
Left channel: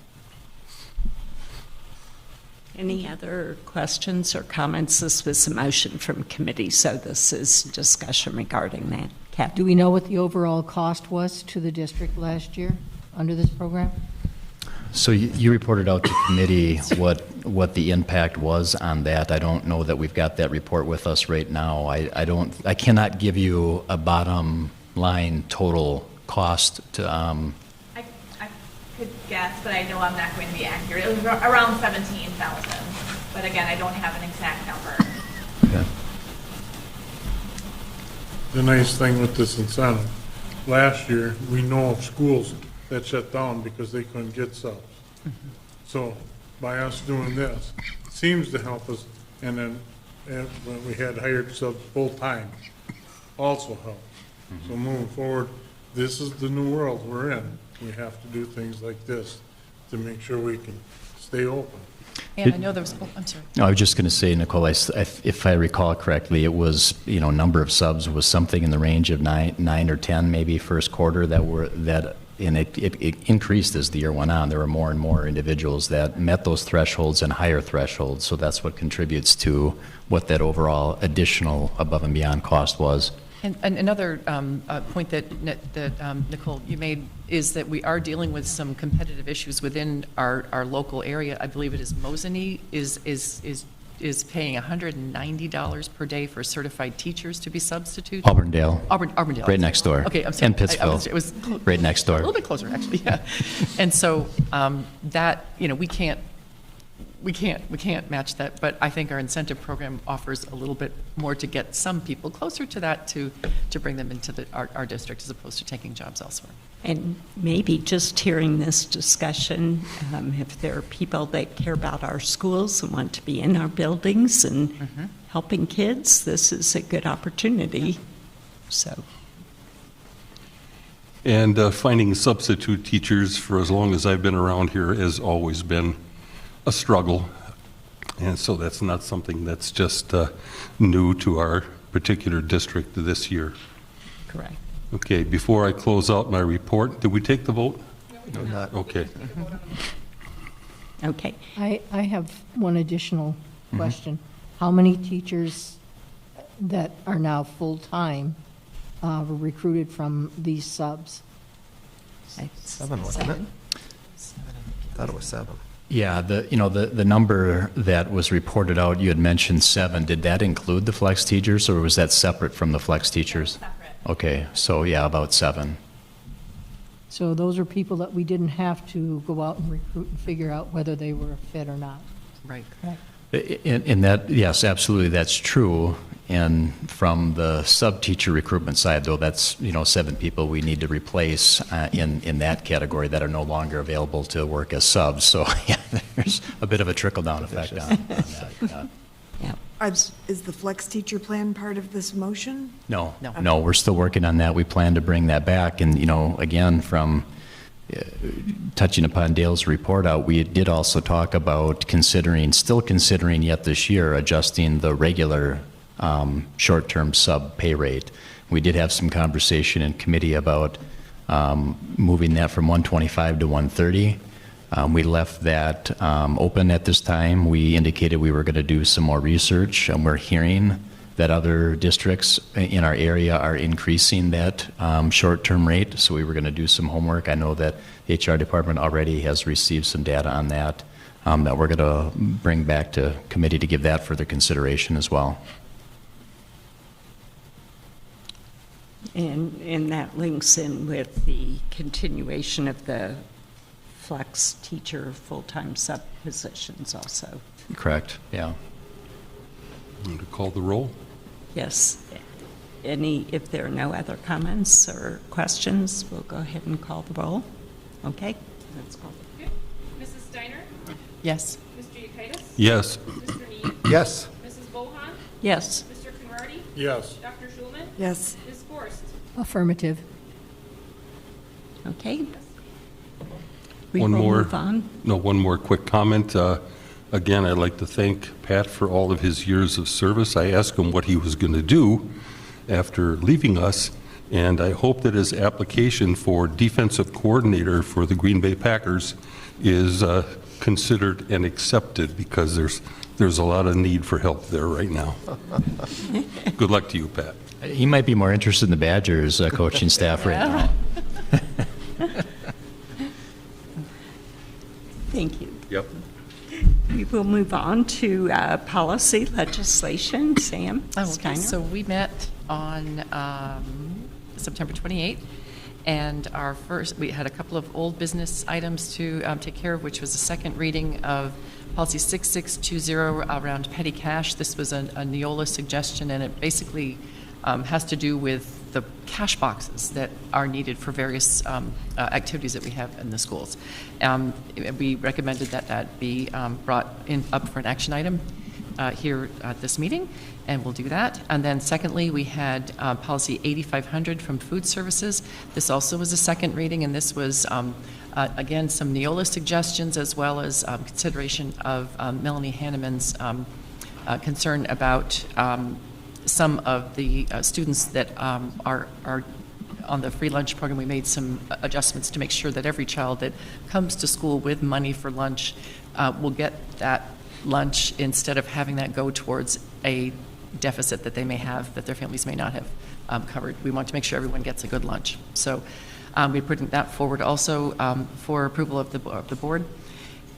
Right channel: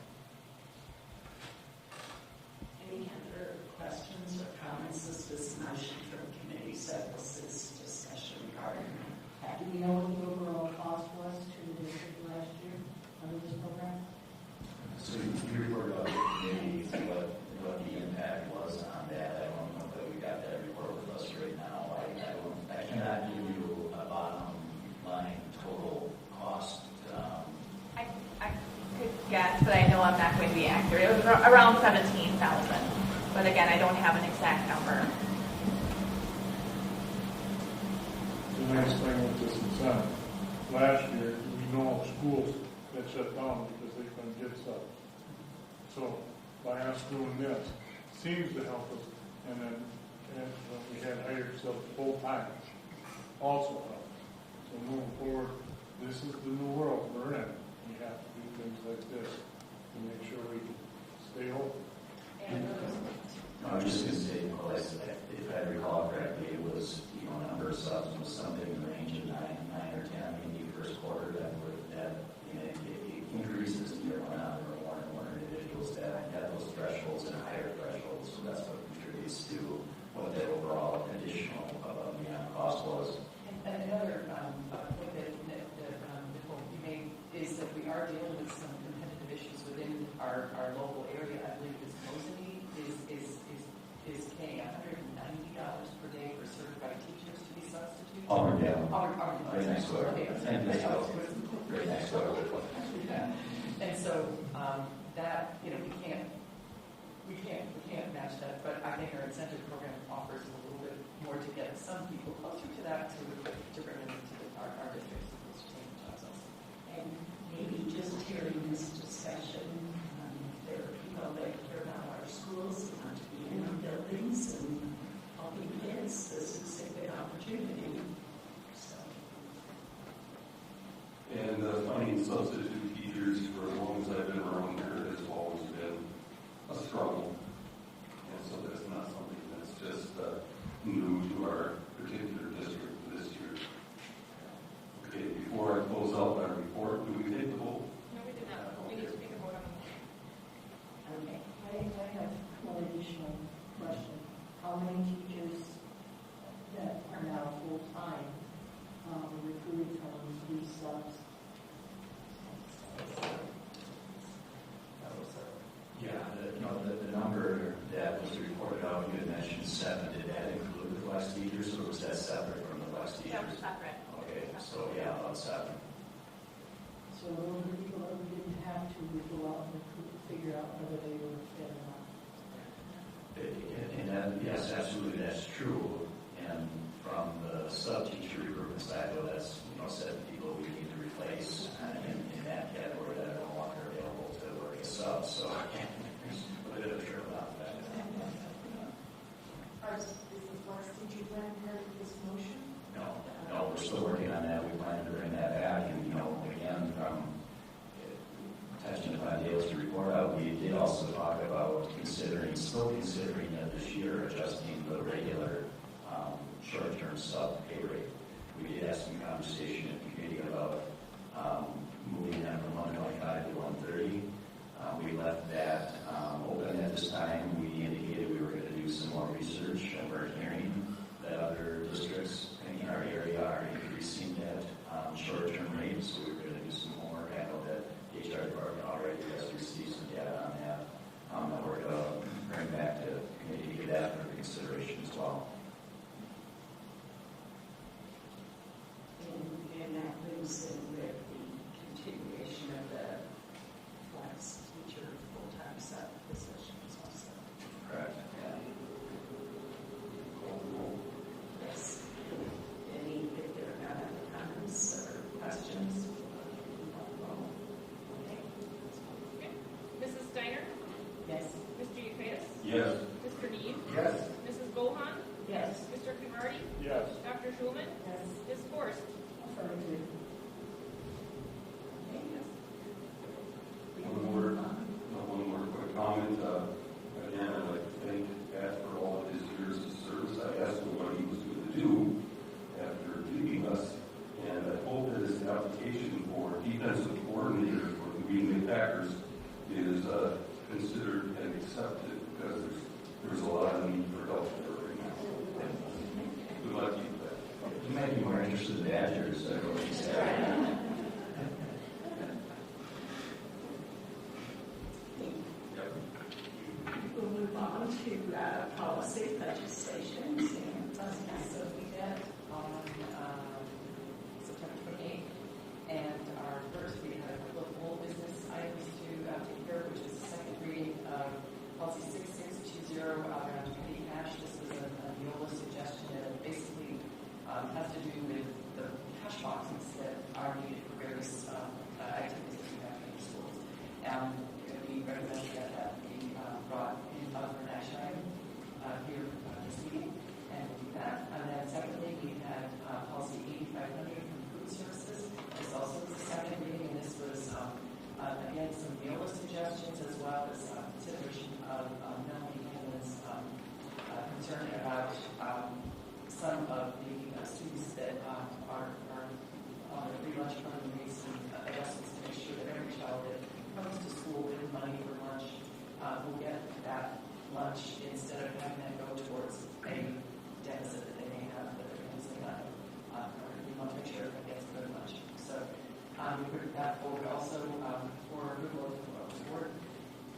Any other questions or comments? This was a motion from committee, so this is discussion regarding that. Kathy? Do we know what the overall cost was to the district last year under this program? So you reported out to committee what the impact was on that. I don't know that we've got that report with us right now. I cannot give you a bottom line total cost to. I could guess, but I know I'm not going to be accurate. It was around 17,000, but again, I don't have an exact number. Okay. The nice thing with this incentive, last year, we know of schools that shut down because they couldn't get subs. So by us doing this, it seems to help us, and then when we had hired subs full-time, also helped. So moving forward, this is the new world we're in. We have to do things like this to make sure we can stay open. And I know there was, oh, I'm sorry. No, I was just going to say, Nicole, if I recall correctly, it was, number of subs was something in the range of nine or 10 maybe first quarter and it increased as the year went on. There were more and more individuals that met those thresholds and higher thresholds, so that's what contributes to what that overall additional above and beyond cost was. And another point that Nicole, you made is that we are dealing with some competitive issues within our local area. I believe it is Mosinee is paying $190 per day for certified teachers to be substitutes. Auburndale. Auburndale. Right next door. Okay, I'm sorry. And Pittsville. It was right next door. A little bit closer, actually, yeah. And so that, we can't match that, but I think our incentive program offers a little bit more to get some people closer to that to bring them into our district as opposed to taking jobs elsewhere. And maybe just hearing this discussion, if there are people that care about our schools and want to be in our buildings and helping kids, this is a good opportunity. So. And finding substitute teachers for as long as I've been around here has always been a struggle. And so that's not something that's just new to our particular district this year. Correct. Okay, before I close out my report, did we take the vote? No, not. Okay. Okay. I have one additional question. How many teachers that are now full-time were recruited from these subs? 7, wasn't it? Thought it was 7. Yeah, the number that was reported out, you had mentioned 7. Did that include the flex teachers, or was that separate from the flex teachers? Okay, so yeah, about 7. So those are people that we didn't have to go out and recruit and figure out whether they were a fit or not. Right. In that, yes, absolutely, that's true. And from the sub-teacher recruitment side, though, that's, 7 people we need to replace in that category that are no longer available to work as subs. So, yeah, there's a bit of a trickle-down effect on that. Yeah. Is the flex teacher plan part of this motion? No, we're still working on that. We plan to bring that back. And, again, from touching upon Dale's report out, we did also talk about still considering yet this year, adjusting the regular short-term sub pay rate. We did have some conversation in committee about moving that from 125 to 130. We left that open at this time. We indicated we were going to do some more research, and we're hearing that other districts in our area are increasing that short-term rate, so we were going to do some homework. I know that the HR department already has received some data on that that we're going to bring back to committee to give that further consideration as well. And that links in with the continuation of the flex teacher full-time sub positions also. Correct, yeah. Want to call the roll? Yes. If there are no other comments or questions, we'll go ahead and call the roll. Okay, let's call. Okay. Mrs. Steiner? Yes. Mr. Yekitis? Yes. Mr. Need? Yes. Mrs. Bohan? Yes. Mr. Conrady? Yes. Dr. Schulman? Yes. Ms. Forrest? Affirmative. Okay. We One will more. move on. No, one more quick comment. Again, I'd like to thank Pat for all of his years of service. I asked him what he was going to do after leaving us, and I hope that his application for defensive coordinator for the Green Bay Packers is considered and accepted, because there's a lot of need for help there right now. Good luck to you, Pat. He might be more interested in the Badgers coaching staff right now. Thank you. Yep. We will move on to policy legislation. Sam Steiner. So we met on September 28th, and we had a couple of old business items to take care of, which was the second reading of policy 6620 around petty cash. This was a Neola suggestion, and it basically has to do with the cash boxes that are needed for various activities that we have in the schools. We recommended that that be brought up for an action item here at this meeting, and we'll do that. And then secondly, we had policy 8500 from food services. This also was a second reading, and this was again some Neola suggestions, as well as consideration of Melanie Hanneman's concern about some of the students that are on the free lunch program. We made some adjustments to make sure that every child that comes to school with money for lunch will get that lunch, instead of having that go towards a deficit that they may have, that their families may not have covered. We want to make sure everyone gets a good lunch. So we put that forward also for approval of the board.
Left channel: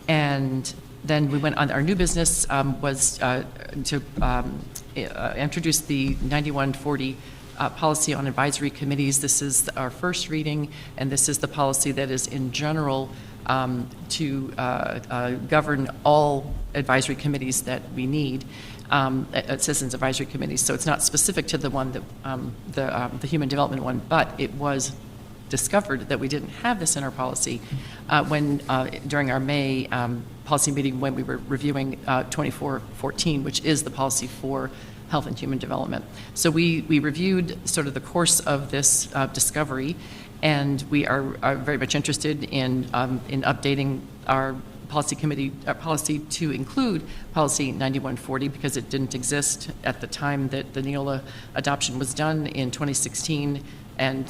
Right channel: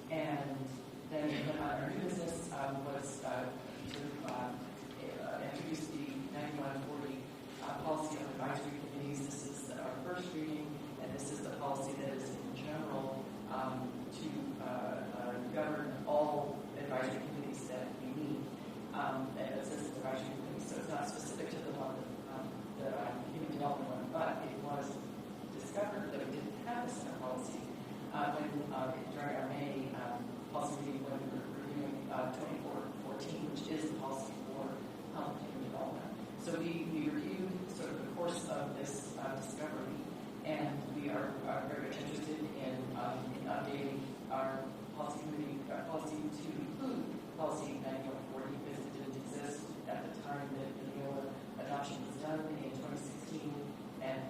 And then we went on, our new business was to introduce the 9140 policy on advisory committees. This is our first reading, and this is the policy that is in general to govern all advisory committees that we need, citizens advisory committees. So it's not specific to the one that the human development one, but it was discovered that we didn't have this in our policy when during our May policy meeting, when we were reviewing 2414, which is the policy for health and human development. So we reviewed sort of the course of this discovery, and we are very much interested in updating our policy committee policy to include policy 9140, because it didn't exist at the time that the Neola adoption was done in 2016. And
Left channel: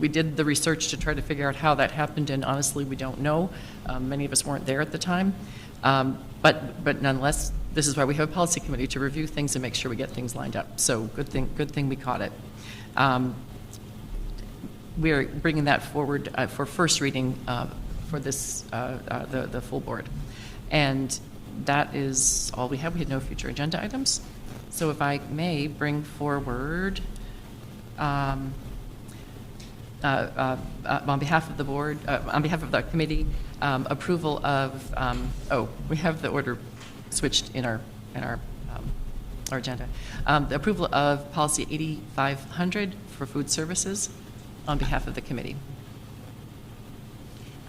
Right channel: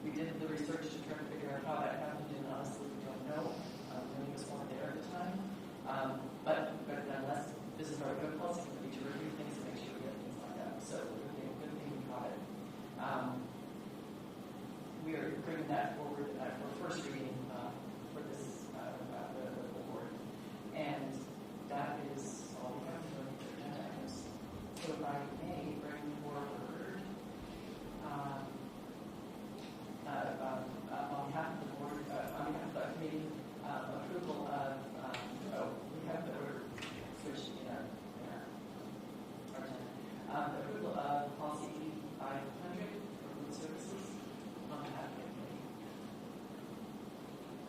we did the research to try to figure out how that happened, and honestly, we don't know. Many of us weren't there at the time. But nonetheless, this is why we have a policy committee, to review things and make sure we get things lined up. So good thing we caught it. We're bringing that forward for first reading for this, the full board. And that is all we have. We had no future agenda items. So if I may bring forward, on behalf of the board, on behalf of the committee, approval of, we have the order switched in our agenda. The approval of policy 8500 for food services on behalf of the committee.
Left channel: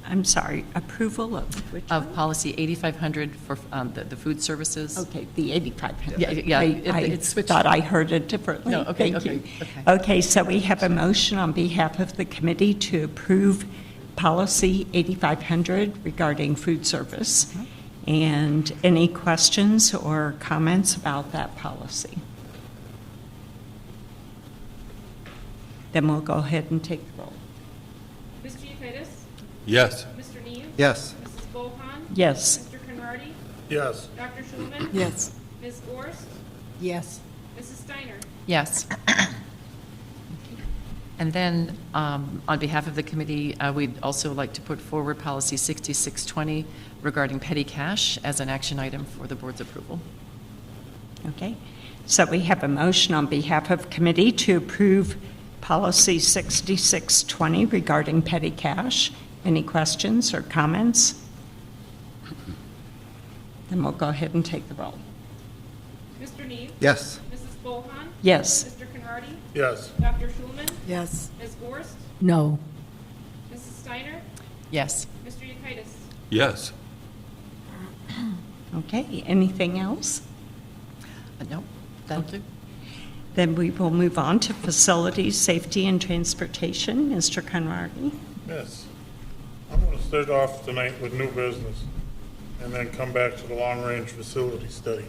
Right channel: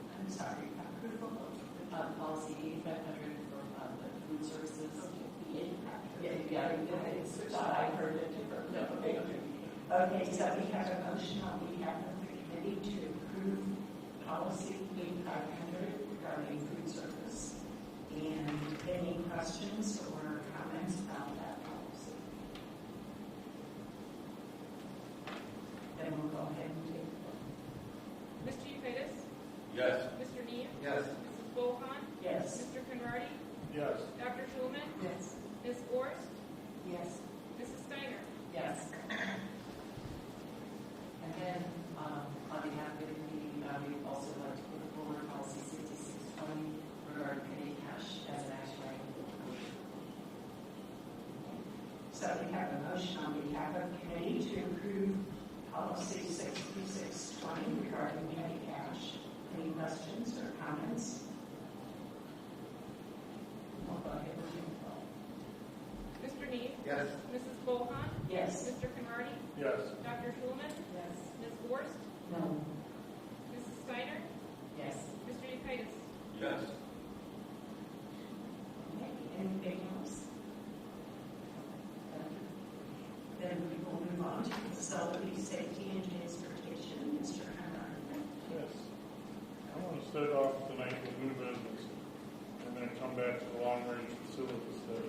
I'm sorry, approval of which Of one? policy 8500 for the food services. Okay, the 8500. Yeah, I thought I heard it differently. No, okay, Thank you. okay. Okay, so we have a motion on behalf of the committee to approve policy 8500 regarding food service. And any questions or comments about that policy? Then we'll go ahead and take the roll. Mr. Yekitis? Yes. Mr. Neve? Yes. Mrs. Bohan? Yes. Mr. Conrady? Yes. Dr. Schulman? Yes. Ms. Gorst? Yes. Mrs. Steiner? Yes. And then, on behalf of the committee, we'd also like to put forward policy 6620 regarding petty cash as an action item for the board's approval. Okay, so we have a motion on behalf of committee to approve policy 6620 regarding petty cash. Any questions or comments? Then we'll go ahead and take the roll. Mr. Neve? Yes. Mrs. Bohan? Yes. Mr. Conrady? Yes. Dr. Schulman? Yes. Ms. Gorst? No. Mrs. Steiner? Yes. Mr. Yekitis? Yes. Okay, anything else? No, that'll do. Then we will move on to facilities, safety, and transportation. Mr. Conrady? Yes. I'm going to start off tonight with new business and then come back to the long-range facility study.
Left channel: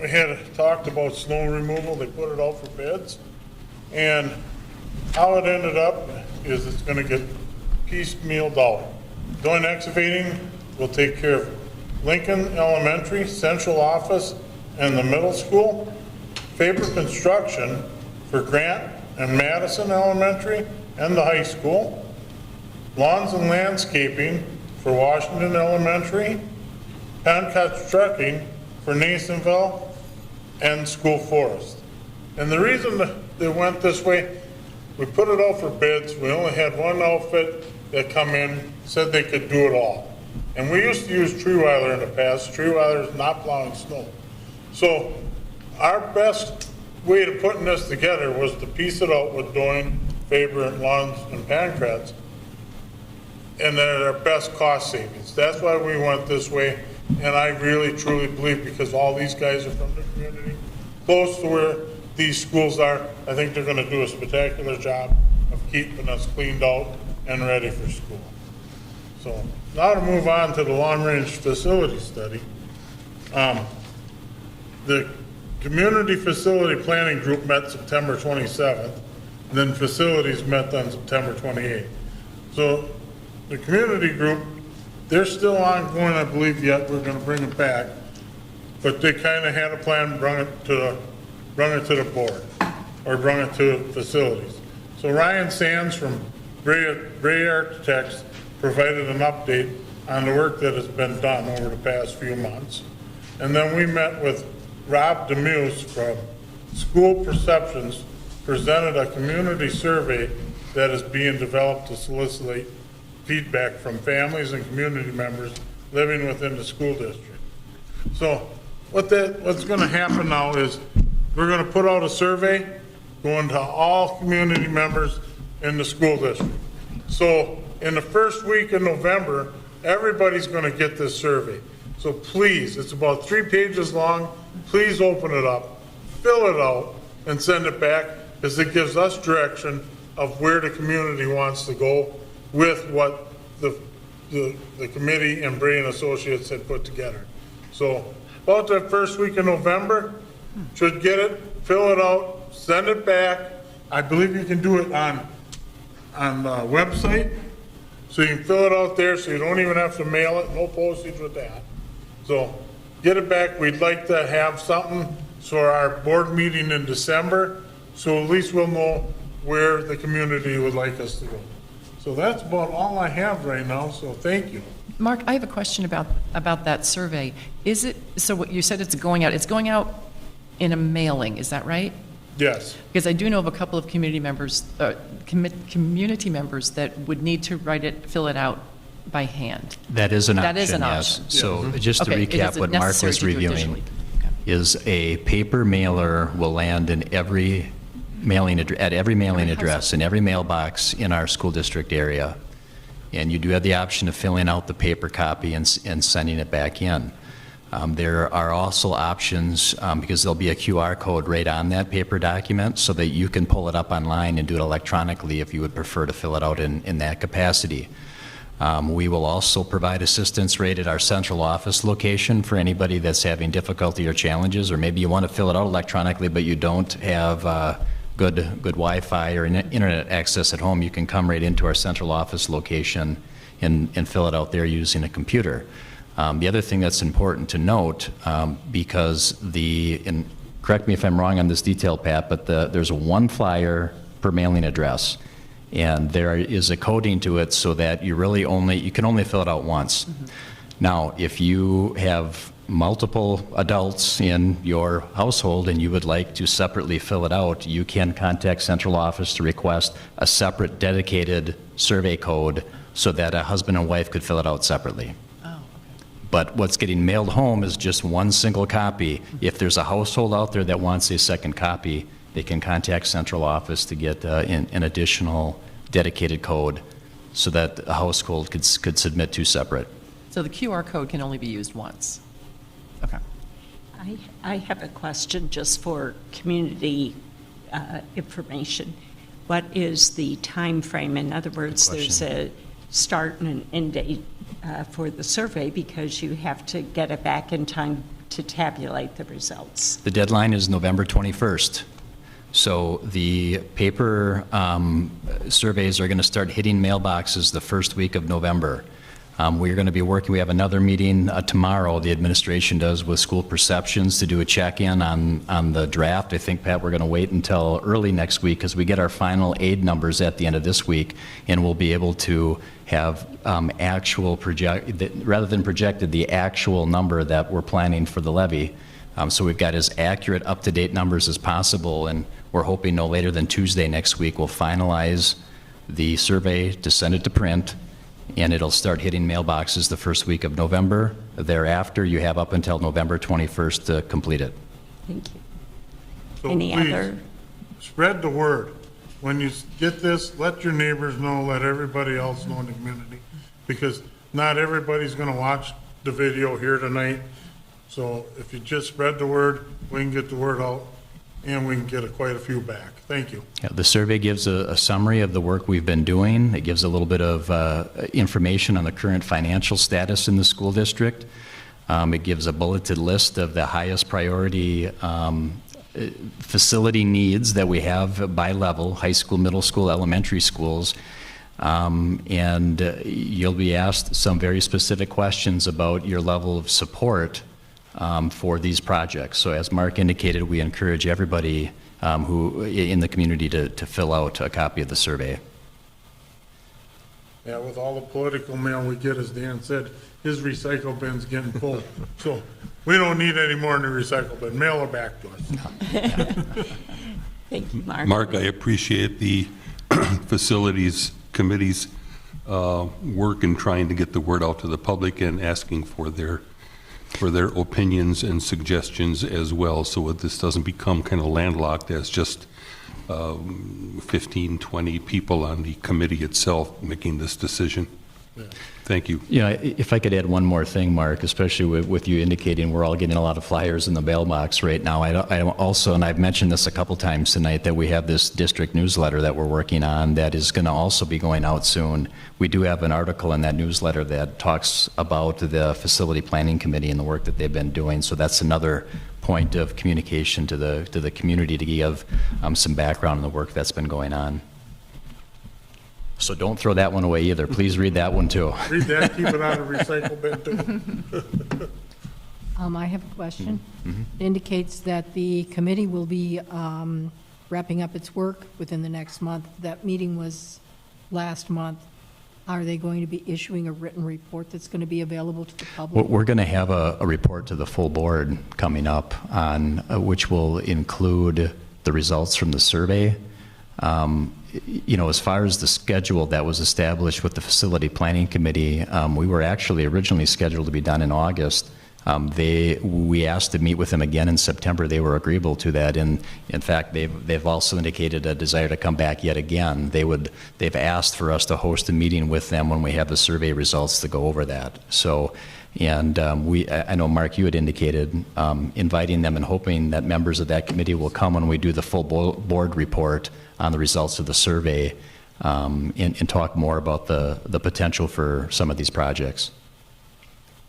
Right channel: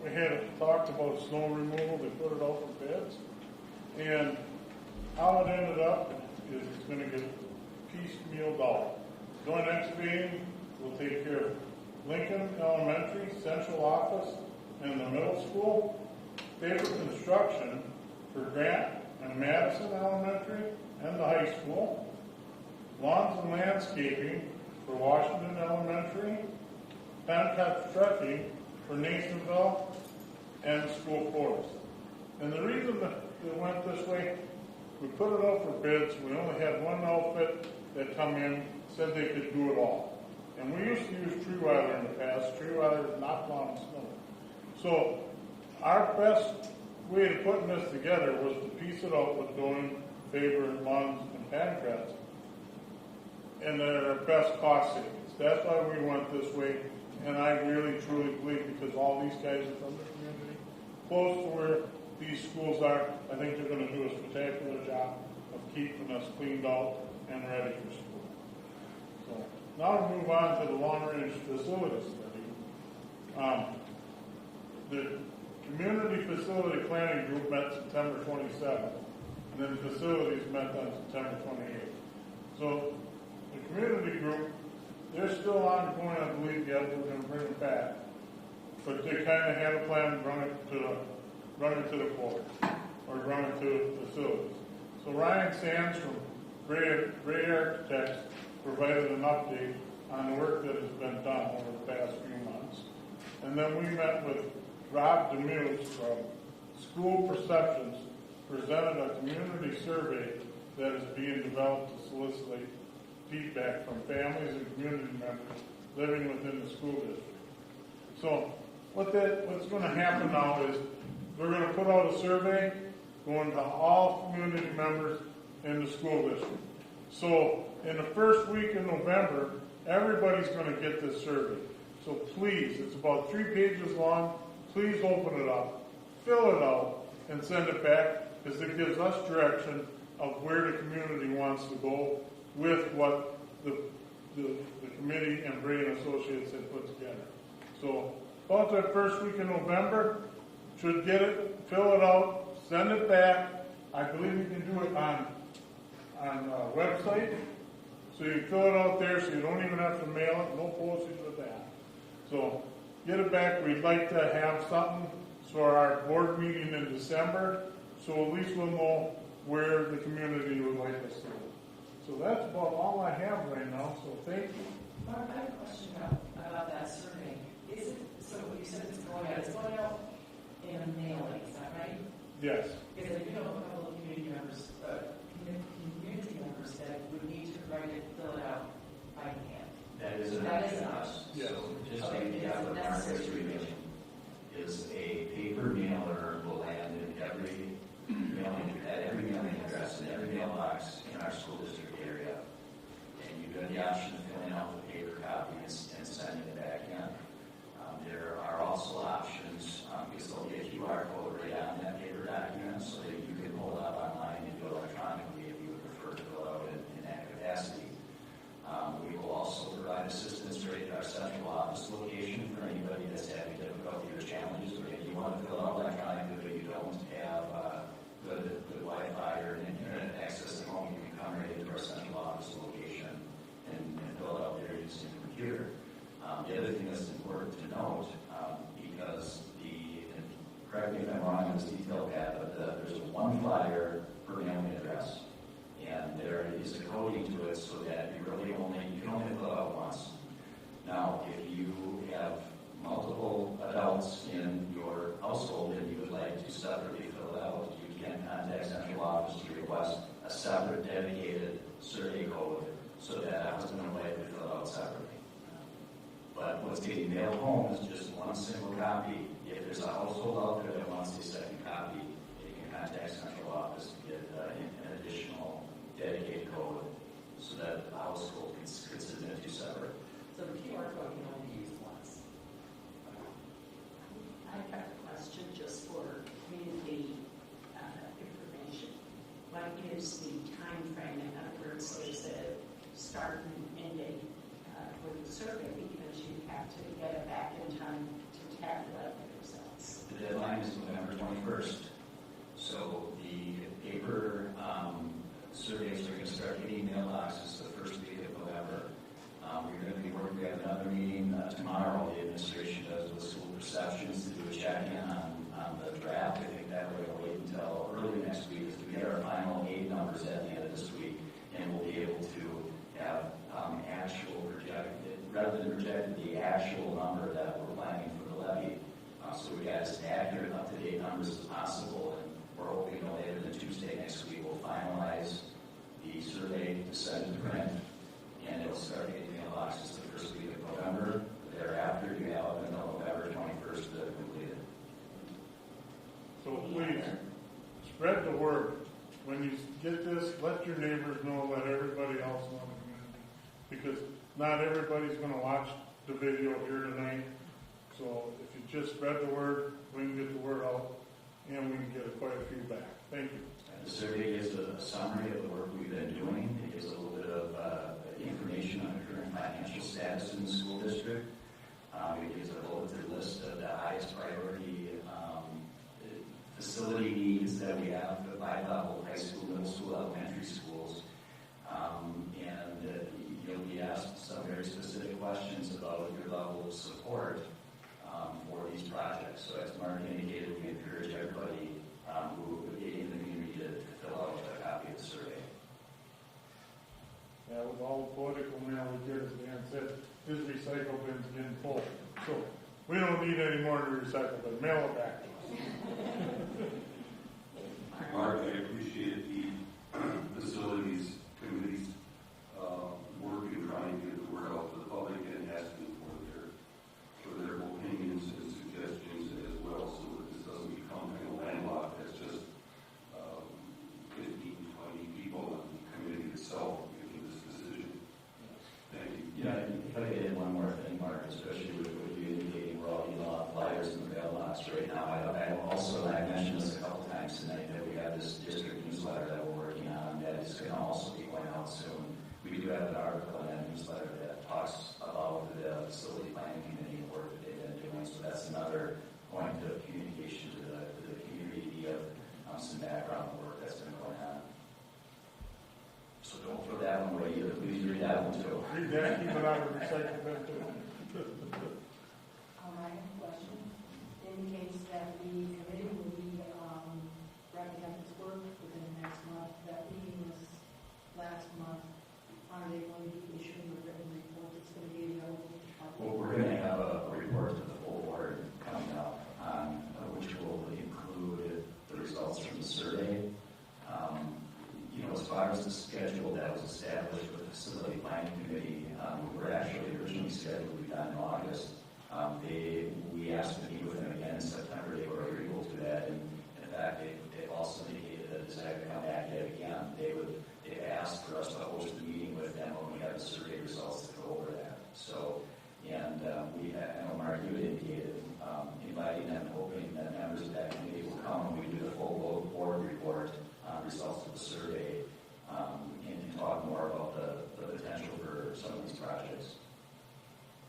We had talked about snow removal. They put it out for bids. And how it ended up is it's going to get piecemealed out. Doing excavating will take care of Lincoln Elementary, Central Office, and the middle school. Faber Construction for Grant and Madison Elementary and the high school. Lawns and Landscaping for Washington Elementary. Pancotts Trucking for Nasonville and School Forest. And the reason that it went this way, we put it out for bids. We only had one outfit that come in, said they could do it all. And we used to use Treeweiler in the past. Treeweiler is not plowing snow. So our best way of putting this together was to piece it out with Doyne, Faber, and Lunds, and Pancratz, and they're our best cost savings. That's why we went this way, and I really truly believe, because all these guys are from the community, close to where these schools are, I think they're gonna do a spectacular job of keeping us cleaned out and ready for school. So, now to move on to the long-range facility study. The Community Facility Planning Group met September 27th, then facilities met on September 28th. So the community group, they're still ongoing, I believe, yet we're gonna bring it back, but they kinda had a plan, bring it to the board, or bring it to facilities. So Ryan Sands from Bray Architects provided an update on the work that has been done over the past few months. And then we met with Rob Demuse from School Perceptions, presented a community survey that is being developed to solicit feedback from families and community members living within the school district. So what's gonna happen now is we're gonna put out a survey going to all community members in the school district. So in the first week in November, everybody's gonna get this survey. So please, it's about 3 pages long, please open it up, fill it out, and send it back, because it gives us direction of where the community wants to go with what the committee and Bray and Associates had put together. So about the first week in November, should get it, fill it out, send it back. I believe you can do it on the website, so you can fill it out there, so you don't even have to mail it, no postage with that. So get it back. We'd like to have something for our board meeting in December, so at least we'll know where the community would like us to go. So that's about all I have right now, so thank you. Mark, I have a question about that survey. Is it, so what you said it's going out in a mailing, is that right? Yes. Because I do know of a couple of community members that would need to fill it out by hand. That is an option, That is an yes. option. So just to Okay, it recap isn't what Mark necessary was to do reviewing, additionally. Okay. is a paper mailer will land in every at every mailing address, in every mailbox in our school district area. And you do have the option of filling out the paper copy and sending it back in. There are also options, because there'll be a QR code right on that paper document, so that you can pull it up online and do it electronically if you would prefer to fill it out in that capacity. We will also provide assistance right at our central office location for anybody that's having difficulty or challenges, or maybe you want to fill it out electronically but you don't have good Wi-Fi or internet access at home. You can come right into our central office location and fill it out there using a computer. The other thing that's important to note, because and correct me if I'm wrong on this detail, Pat, but there's one flyer per mailing address, and there is a coding to it so that you can only fill it out once. Mm-hmm. Now, if you have multiple adults in your household and you would like to separately fill it out, you can contact central office to request a separate dedicated survey code so that a husband and wife could fill it out separately. But what's getting mailed home is just one single copy. If there's a household out there that wants a second copy, they can contact central office to get an additional dedicated code so that a household could submit 2 separate. So the QR code can only be used once? Okay. I have a question just for community information. What is the time frame? In other words, there's a start and an end date for the survey, because you have to get it back in time to tabulate the results. The deadline is November 21st. So the paper surveys are going to start hitting mailboxes the first week of November. We're going to be working, we have another meeting tomorrow, the administration does, with School Perceptions to do a check-in on the draft. I think, Pat, we're going to wait until early next week because we get our final aid numbers at the end of this week, and we'll be able to have rather than projected, the actual number that we're planning for the levy. So we've got as accurate, up-to-date numbers as possible, and we're hoping no later than Tuesday next week we'll finalize the survey to send it to print, and it'll start hitting mailboxes the first week of November. Thereafter, you have up until November 21st to complete it. Thank you. So Any please, other? spread the word. When you get this, let your neighbors know, let everybody else know in the community, because not everybody's gonna watch the video here tonight. So if you just spread the word, we can get the word out, and we can get quite a few back. Thank you. Yeah, the survey gives a summary of the work we've been doing. It gives a little bit of information on the current financial status in the school district. It gives a bulleted list of the highest priority facility needs that we have by level, high school, middle school, elementary schools. And you'll be asked some very specific questions about your level of support for these projects. So as Mark indicated, we encourage everybody who in the community to fill out a copy of the survey. Yeah, with all the political mail we get, as Dan said, his recycle bin's getting full. So we don't need any more in the recycle bin. Mail it back to us. Thank you, Mark. Mark, I appreciate the facilities committee's work in trying to get the word out to the public and asking for their opinions and suggestions as well, so that this doesn't become kind of landlocked as just 15, 20 people on the committee itself making this decision. Thank you. You know, if I could add one more thing, Mark, especially with you indicating we're all getting a lot of flyers in the mailbox right now. I also, and I've mentioned this a couple times tonight, that we have this district newsletter that we're working on that is going to also be going out soon. We do have an article in that newsletter that talks about the facility planning committee and the work that they've been doing. So that's another point of communication to the community to give some background on the work that's been going on. So don't throw that one away either. Please read that one too. Read that, keep it out of recycle bin too. I have a question. It indicates that the committee will be wrapping up its work within the next month. That meeting was last month. Are they going to be issuing a written report that's going to be available to the public? We're going to have a report to the full board coming up on which will include the results from the survey. You know, as far as the schedule that was established with the facility planning committee, we were actually originally scheduled to be done in August. We asked to meet with them again in September. They were agreeable to that, and in fact, they've also indicated a desire to come back yet again. They've asked for us to host a meeting with them when we have the survey results to go over that. So, and I know Mark, you had indicated inviting them and hoping that members of that committee will come when we do the full board report on the results of the survey and talk more about the potential for some of these projects.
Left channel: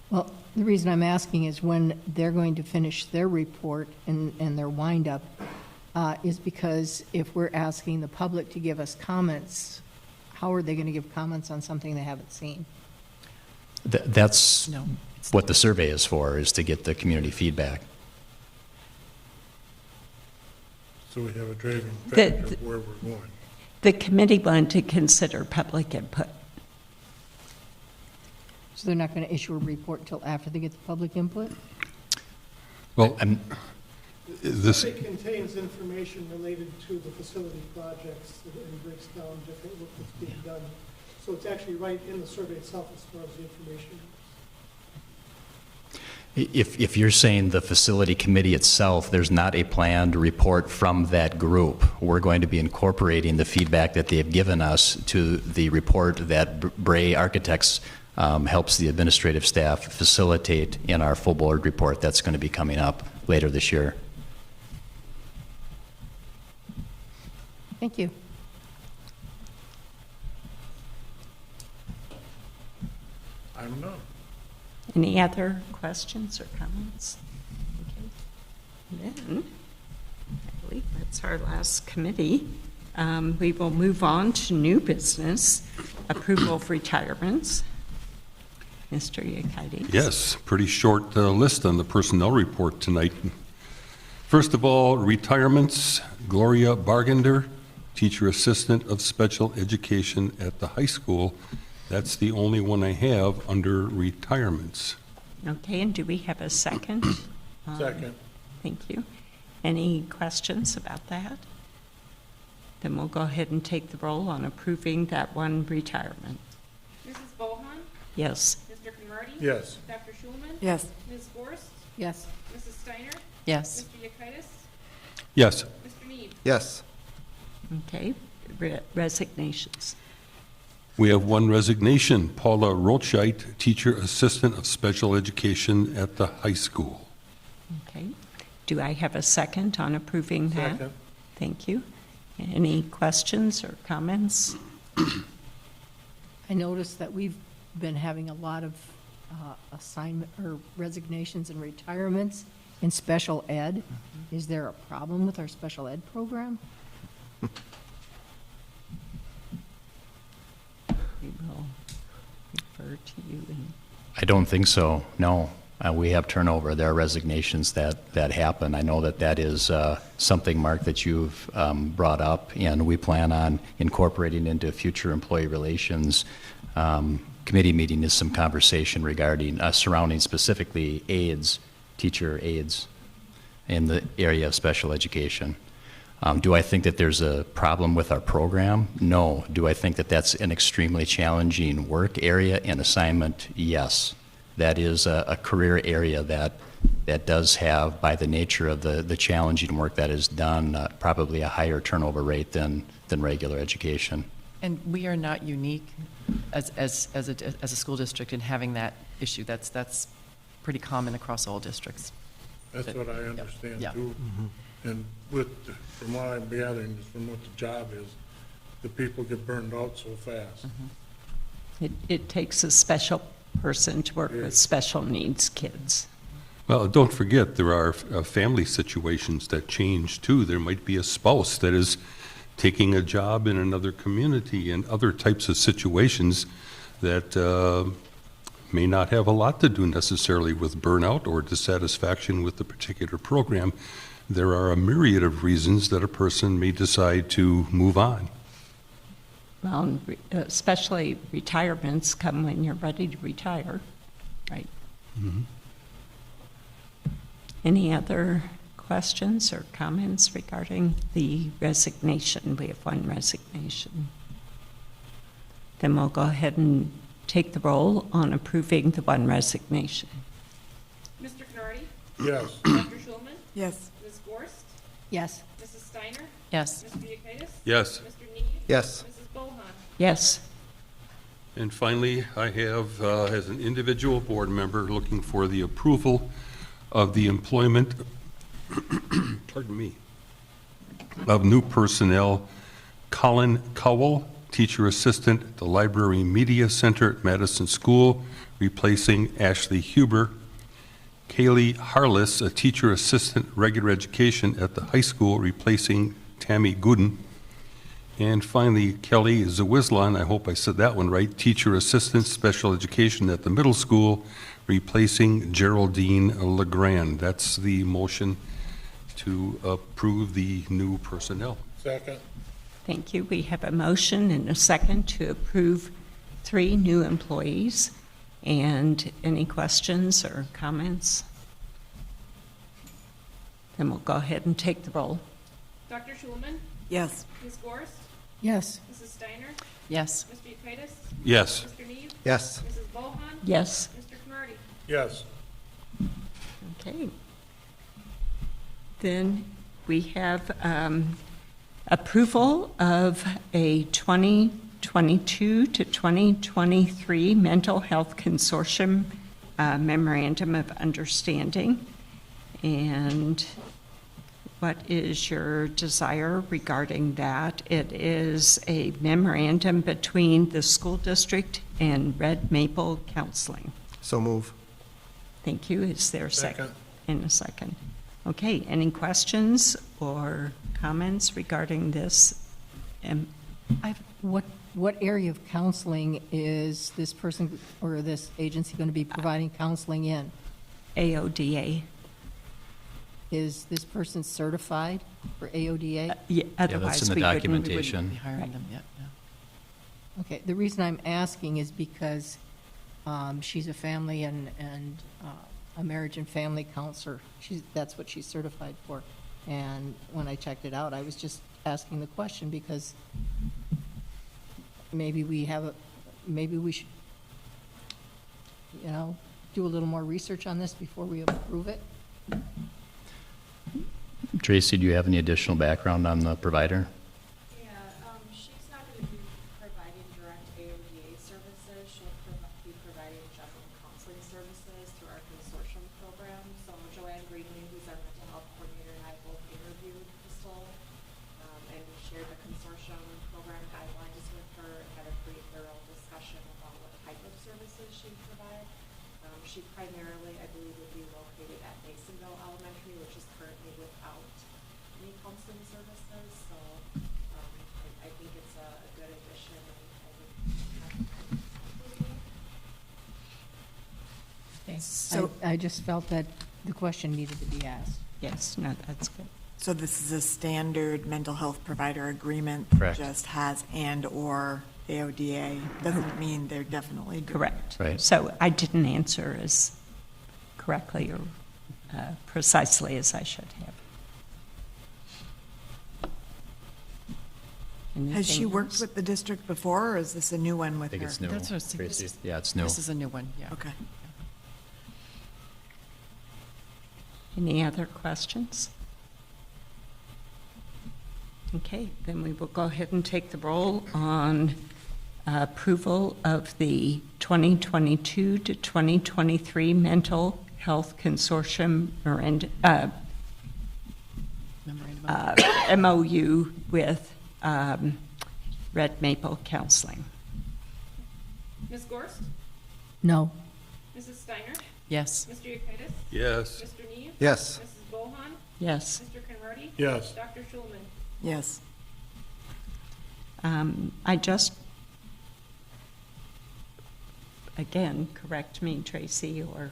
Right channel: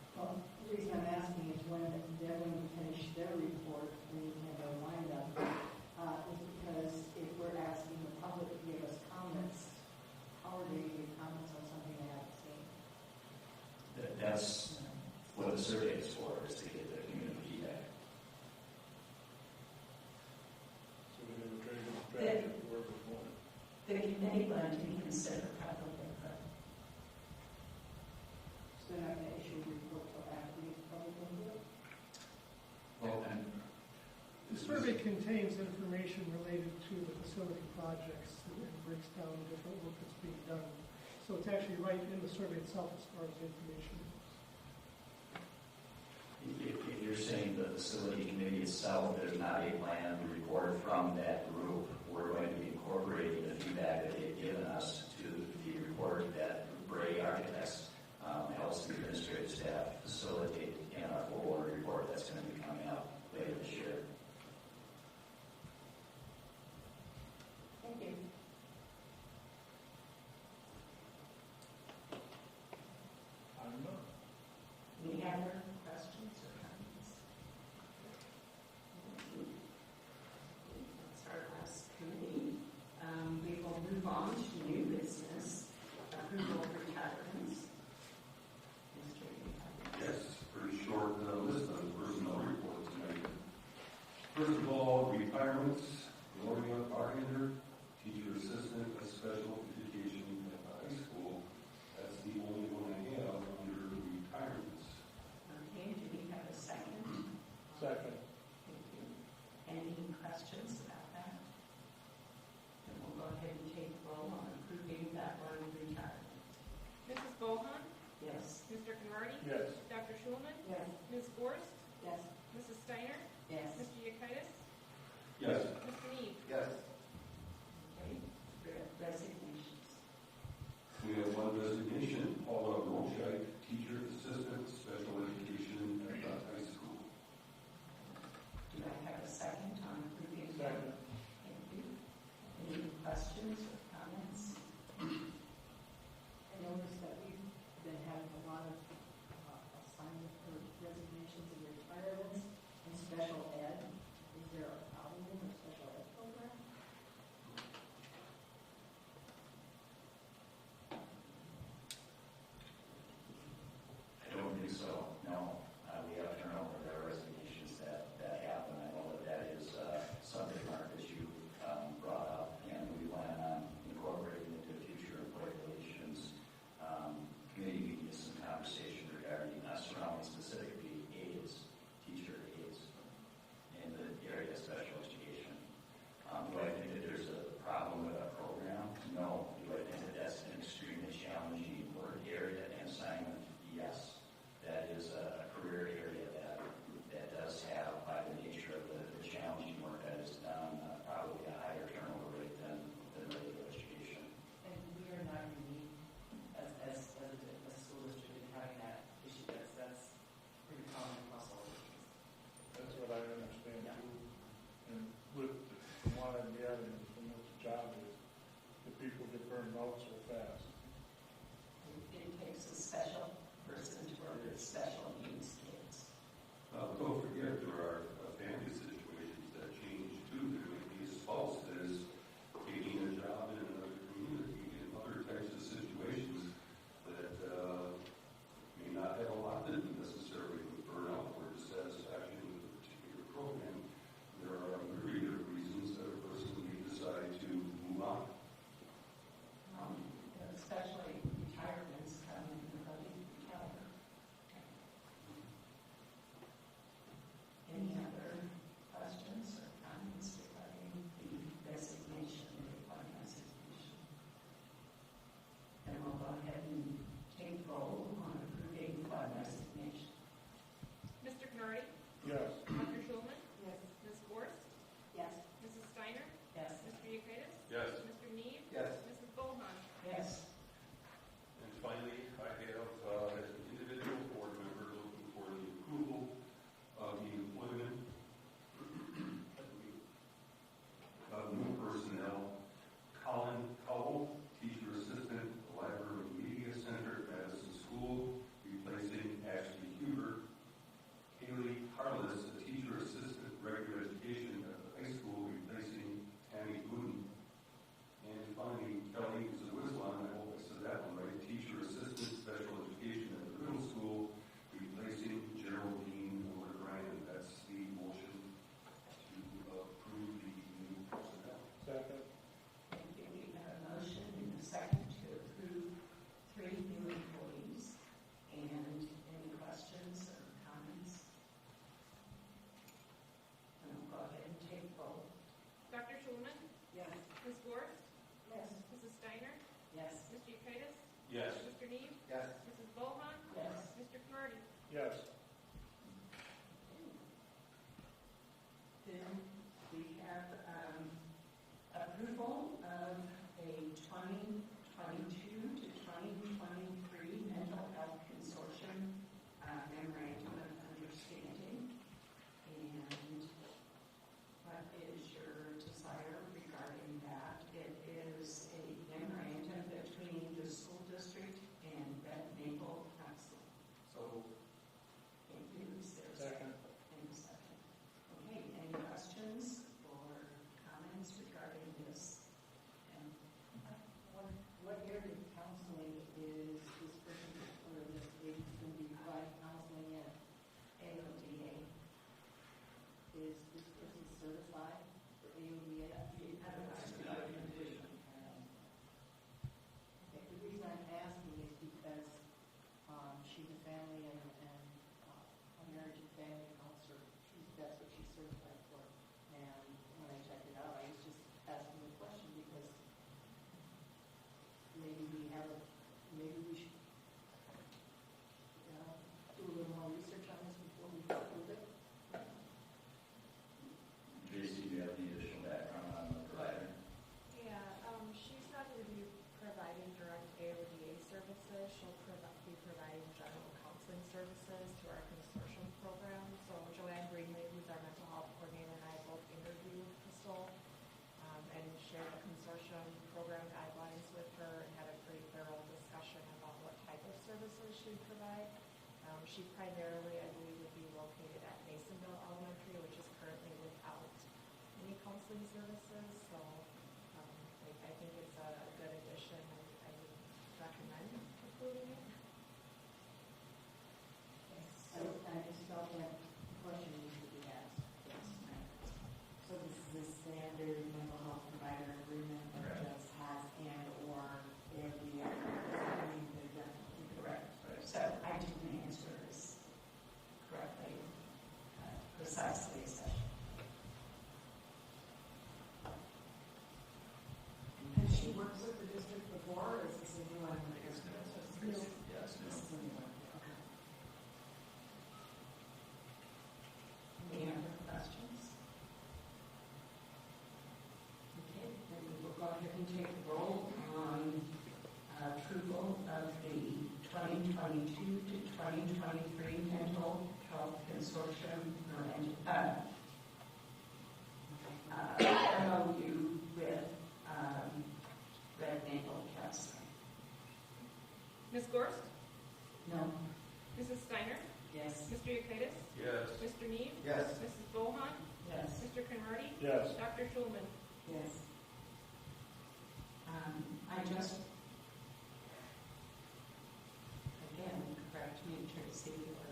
Well, the reason I'm asking is when they're going to finish their report and their wind-up is because if we're asking the public to give us comments, how are they going to give comments on something they haven't seen? That's what the survey is for, is to get the community feedback. So we have a driving factor where we're going. The committee wanted to consider public input. So they're not going to issue a report until after they get the public input? Well, The survey contains information related to the facility projects and breaks down different work that's being done. So it's actually right in the survey itself as far as the information. If you're saying the facility committee itself, there's not a planned report from that group. We're going to be incorporating the feedback that they have given us to the report that Bray Architects helps the administrative staff facilitate in our full board report that's going to be coming up later this year. Thank you. I'm done. Any other questions or comments? Okay. Then, I believe that's our last committee. We will move on to new business, approval of retirements. Mr. Yekides. Yes, pretty short list on the personnel report tonight. First of all, retirements. Gloria Bargender, teacher assistant of special education at the high school. That's the only one I have under retirements. Okay, and do we have a second? Second. Thank you. Any questions about that? Then we'll go ahead and take the roll on approving that one retirement. Mrs. Bohan? Yes. Mr. Conrady? Yes. Dr. Schulman? Yes. Ms. Gorst? Yes. Mrs. Steiner? Yes. Mr. Yekitis? Yes. Mr. Need? Yes. Okay, resignations. We have one resignation, Paula Rothscheidt, Teacher Assistant of Special Education at the high school. Okay. Do I have a second on approving that? Second. Thank you. Any questions or comments? I noticed that we've been having a lot of assignment or resignations and retirements in special ed. Is there a problem with our special ed program? We will refer to you. I don't think so, no. We have turnover. There are resignations that happen. I know that is something, Mark, that you've brought up, and we plan on incorporating into future employee relations committee meeting is some conversation regarding, surrounding specifically aides, teacher aides in the area of special education. Do I think that there's a problem with our program? No. Do I think that that's an extremely challenging work area and assignment? Yes. That is a career area that does have, by the nature of the challenging work that is done, probably a higher turnover rate than regular education. And we are not unique as a school district in having that issue. That's pretty common across all districts. That's what I understand Yeah. too. And from what I'm gathering, from what the job is, the people get burned out so fast. It takes a special person to work with special needs kids. Well, don't forget, there are family situations that change too. There might be a spouse that is taking a job in another community and other types of situations that may not have a lot to do necessarily with burnout or dissatisfaction with the particular program. There are a myriad of reasons that a person may decide to move on. Well, especially retirements come when you're ready to retire, right? Mm-hmm. Any other questions or comments regarding the resignation? We have one resignation. Then we'll go ahead and take the roll on approving the one resignation. Mr. Conrady? Yes. Dr. Schulman? Yes. Ms. Gorst? Yes. Mrs. Steiner? Yes. Mr. Yekitis? Yes. Mr. Need? Yes. Mrs. Bohan? Yes. And finally, I have, as an individual board member, looking for the approval of the employment, pardon me, of new personnel, Colin Cowell, Teacher Assistant at the Library Media Center at Madison School, replacing Ashley Huber. Kaylee Harless, a Teacher Assistant Regular Education at the high school, replacing Tammy Gooden. And finally, Kelly Zawislan, I hope I said that one right, Teacher Assistant Special Education at the middle school, replacing Geraldine Legrand. That's the motion to approve the new personnel. Second. Thank you. We have a motion and a second to approve 3 new employees. And any questions or comments? Then we'll go ahead and take the roll. Dr. Schulman? Yes. Ms. Gorst? Yes. Mrs. Steiner? Yes. Mr. Yekitis? Yes. Mr. Need? Yes. Mrs. Bohan? Yes. Mr. Conrady? Yes. Okay. Then we have approval of a 2022 to 2023 Mental Health Consortium Memorandum of Understanding. And what is your desire regarding that? It is a memorandum between the school district and Red Maple Counseling. So move. Thank you. Is there a second? Second. In a second. Okay, any questions or comments regarding this? What area of counseling is this person or this agency going to be providing counseling in? AODA. Is this person certified for AODA? Yeah, that's otherwise in the we wouldn't. documentation. We wouldn't be hiring them yet, no. Okay, the reason I'm asking is because she's a family and a marriage and family counselor. That's what she's certified for. And when I checked it out, I was just asking the question because maybe we should, do a little more research on this before we approve it. Tracy, do you have any additional background on the provider? Yeah, she's not going to be providing direct AODA services. She'll be providing general counseling services through our consortium program. So Joanne Greenlee, who's our mental health coordinator, and I both interviewed Crystal and shared the consortium program guidelines with her and had a pretty thorough discussion about what type of services she'd provide. She primarily, I believe, would be located at Masonville Elementary, which is currently without any counseling services, so I think it's a good addition, and I would recommend including it. Okay. So- I just felt that the question needed to be asked. Yes, no, that's good. So this is a standard mental health provider agreement? Correct. That just has and/or AODA, doesn't mean they're definitely. Correct. Right. So I didn't answer as correctly or precisely as I should have. Has she Anything worked else? with the district before, or is this a new one with I think her? it's new. That's what I was thinking. Tracy. Yeah, it's new. This is a new one, yeah. Okay. Any other questions? Okay, then we will go ahead and take the roll on approval of the 2022 to 2023 Mental Health Consortium MOU with Red Maple Counseling. Ms. Gorst? No. Mrs. Steiner? Yes. Mr. Yekitis? Yes. Mr. Neve? Yes. Mrs. Bohan? Yes. Mr. Conrady? Yes. Dr. Schulman? Yes. I just, again, correct me, Tracy or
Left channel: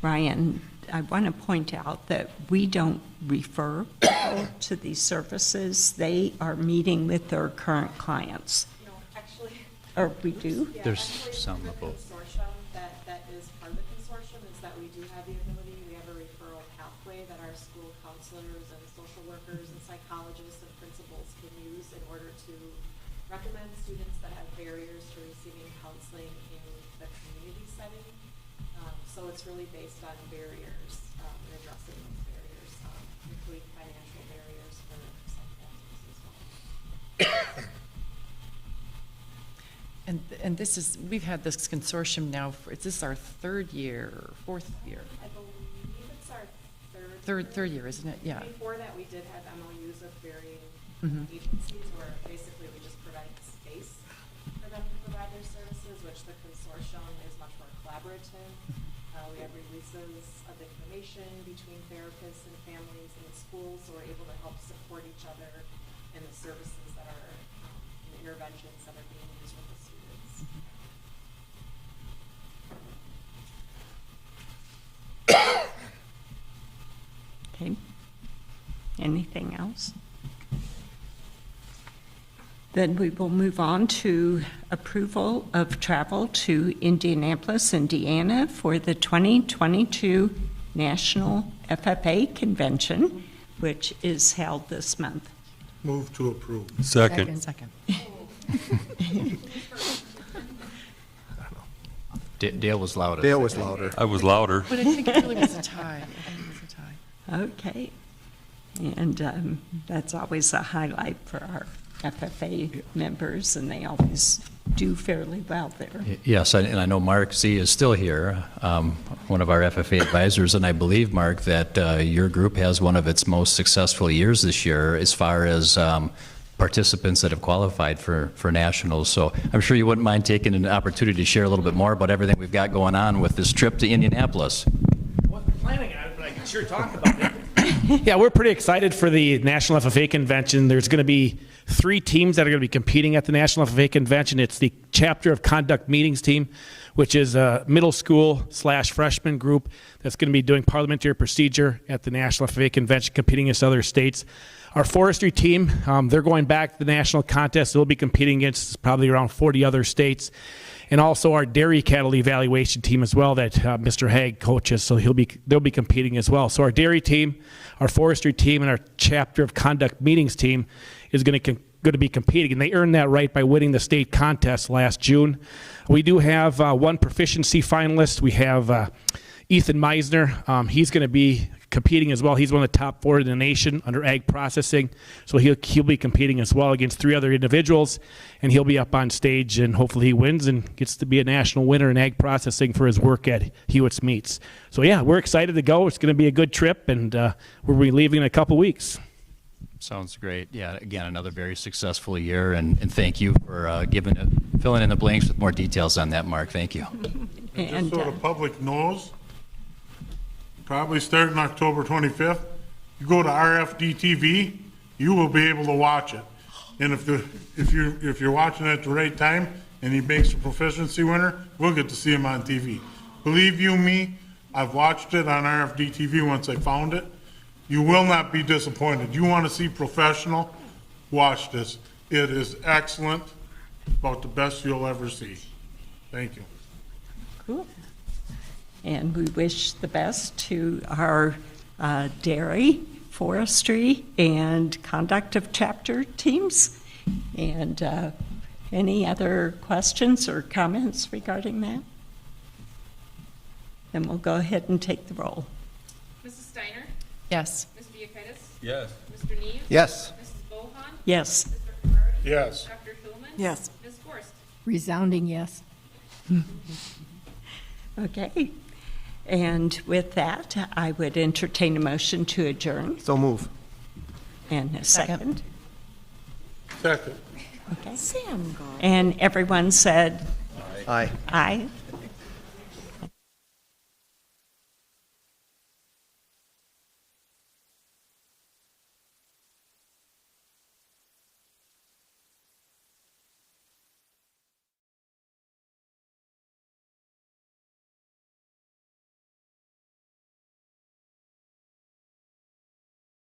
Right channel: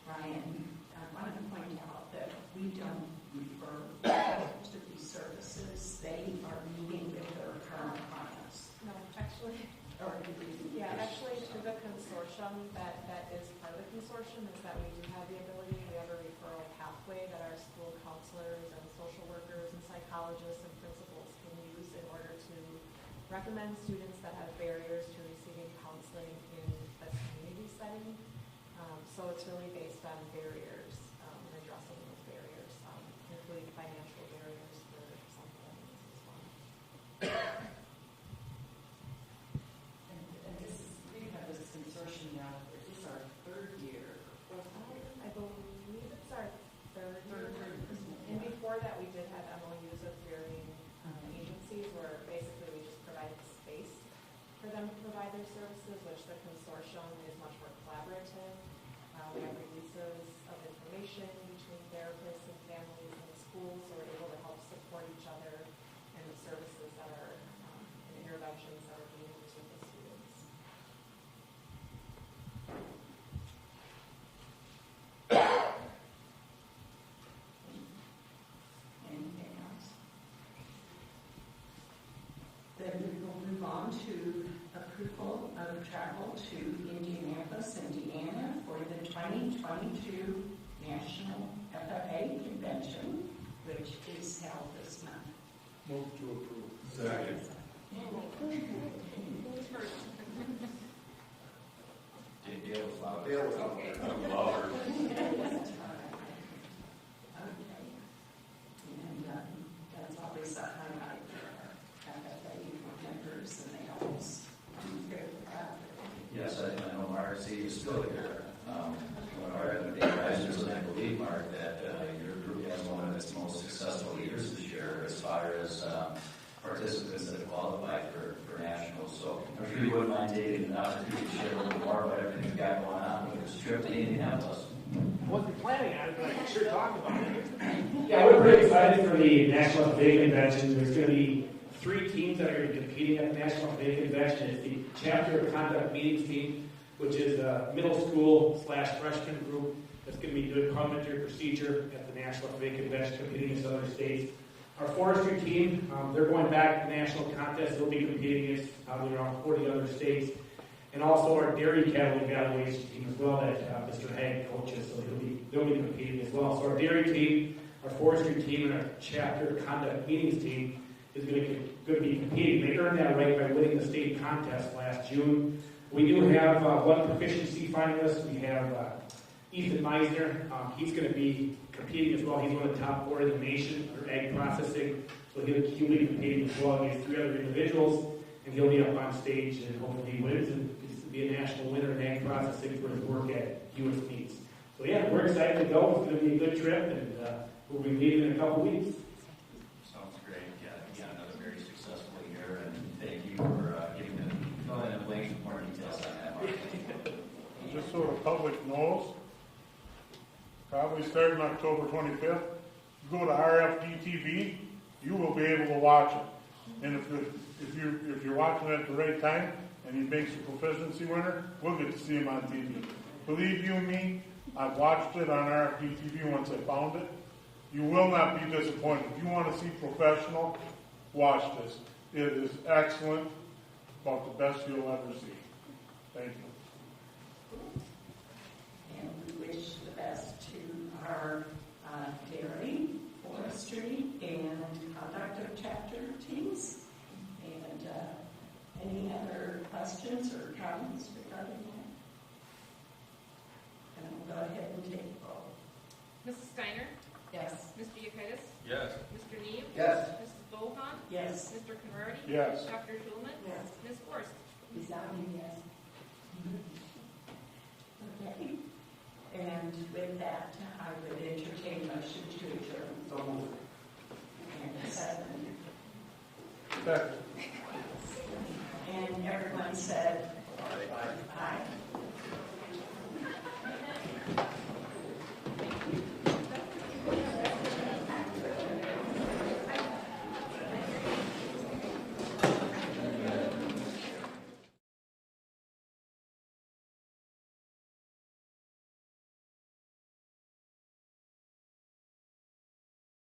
Ryan, I want to point out that we don't refer people to these services. They are meeting with their current clients. No, actually, Or we do? yeah, There's actually, some the of both. consortium, that is part of the consortium, is that we do have the ability, we have a referral pathway that our school counselors and social workers and psychologists and principals can use in order to recommend students that have barriers to receiving counseling in the community setting. So it's really based on barriers, and addressing those barriers, including financial barriers for some families as well. And this is, we've had this consortium now, is this our third year, fourth year? I believe it's our Third year, isn't it? Yeah. Before that, we did have MOUs with varying Mhm. agencies where basically we just provide space for them to provide their services, which the consortium is much more collaborative. We have releases of information between therapists and families and schools, so we're able to help support each other in the services that are, and interventions that are being used with the students. Okay. Anything else? Then we will move on to approval of travel to Indianapolis, Indiana for the 2022 National FFA Convention, which is held this month. Move to approve. Second. Second. Dale was loudest. Dale was louder. I was louder. But I think it really was a tie. I think it was a tie. Okay. And that's always a highlight for our FFA members, and they always do fairly well there. Yes, and I know Mark Z is still here, one of our FFA advisors, and I believe, Mark, that your group has one of its most successful years this year as far as participants that have qualified for nationals. So I'm sure you wouldn't mind taking an opportunity to share a little bit more about everything we've got going on with this trip to Indianapolis. I wasn't planning on it, but I can sure talk about it. Yeah, we're pretty excited for the National FFA Convention. There's going to be 3 teams that are going to be competing at the National FFA Convention. It's the Chapter of Conduct Meetings team, which is a middle school / freshman group that's going to be doing parliamentary procedure at the National FFA Convention, competing against other states. Our forestry team, they're going back to the national contest. They'll be competing against probably around 40 other states. And also our dairy cattle evaluation team as well that Mr. Haig coaches, so they'll be competing as well. So our dairy team, our forestry team, and our Chapter of Conduct Meetings team is going to be competing, and they earned that right by winning the state contest last June. We do have 1 proficiency finalist. We have Ethan Meisner, he's going to be competing as well. He's one of the top 4 in the nation under ag processing, so he'll be competing as well against 3 other individuals, and he'll be up on stage, and hopefully he wins and gets to be a national winner in ag processing for his work at Hewitt's Meats. So yeah, we're excited to go. It's going to be a good trip, and we'll be leaving in a couple weeks. Sounds great. Yeah, again, another very successful year, and thank you for filling in the blanks with more details on that, Mark. Thank you. Just so the public knows, probably starting October 25th, you go to RFD TV, you will be able to watch it. And if you're watching it at the right time and he makes a proficiency winner, we'll get to see him on TV. Believe you me, I've watched it on RFD TV once I found it. You will not be disappointed. You want to see professional? Watch this. It is excellent, about the best you'll ever see. Thank you. Cool. And we wish the best to our dairy, forestry, and conduct of chapter teams. And any other questions or comments regarding that? Then we'll go ahead and take the roll. Mrs. Steiner? Yes. Mr. Yekitis? Yes. Mr. Neve? Yes. Mrs. Bohan? Yes. Mr. Conrady? Yes. Dr. Schulman? Yes. Ms. Gorst? Resounding yes. Okay. And with that, I would entertain a motion to adjourn. So move. And a second. Second. Okay. And everyone said Aye. aye.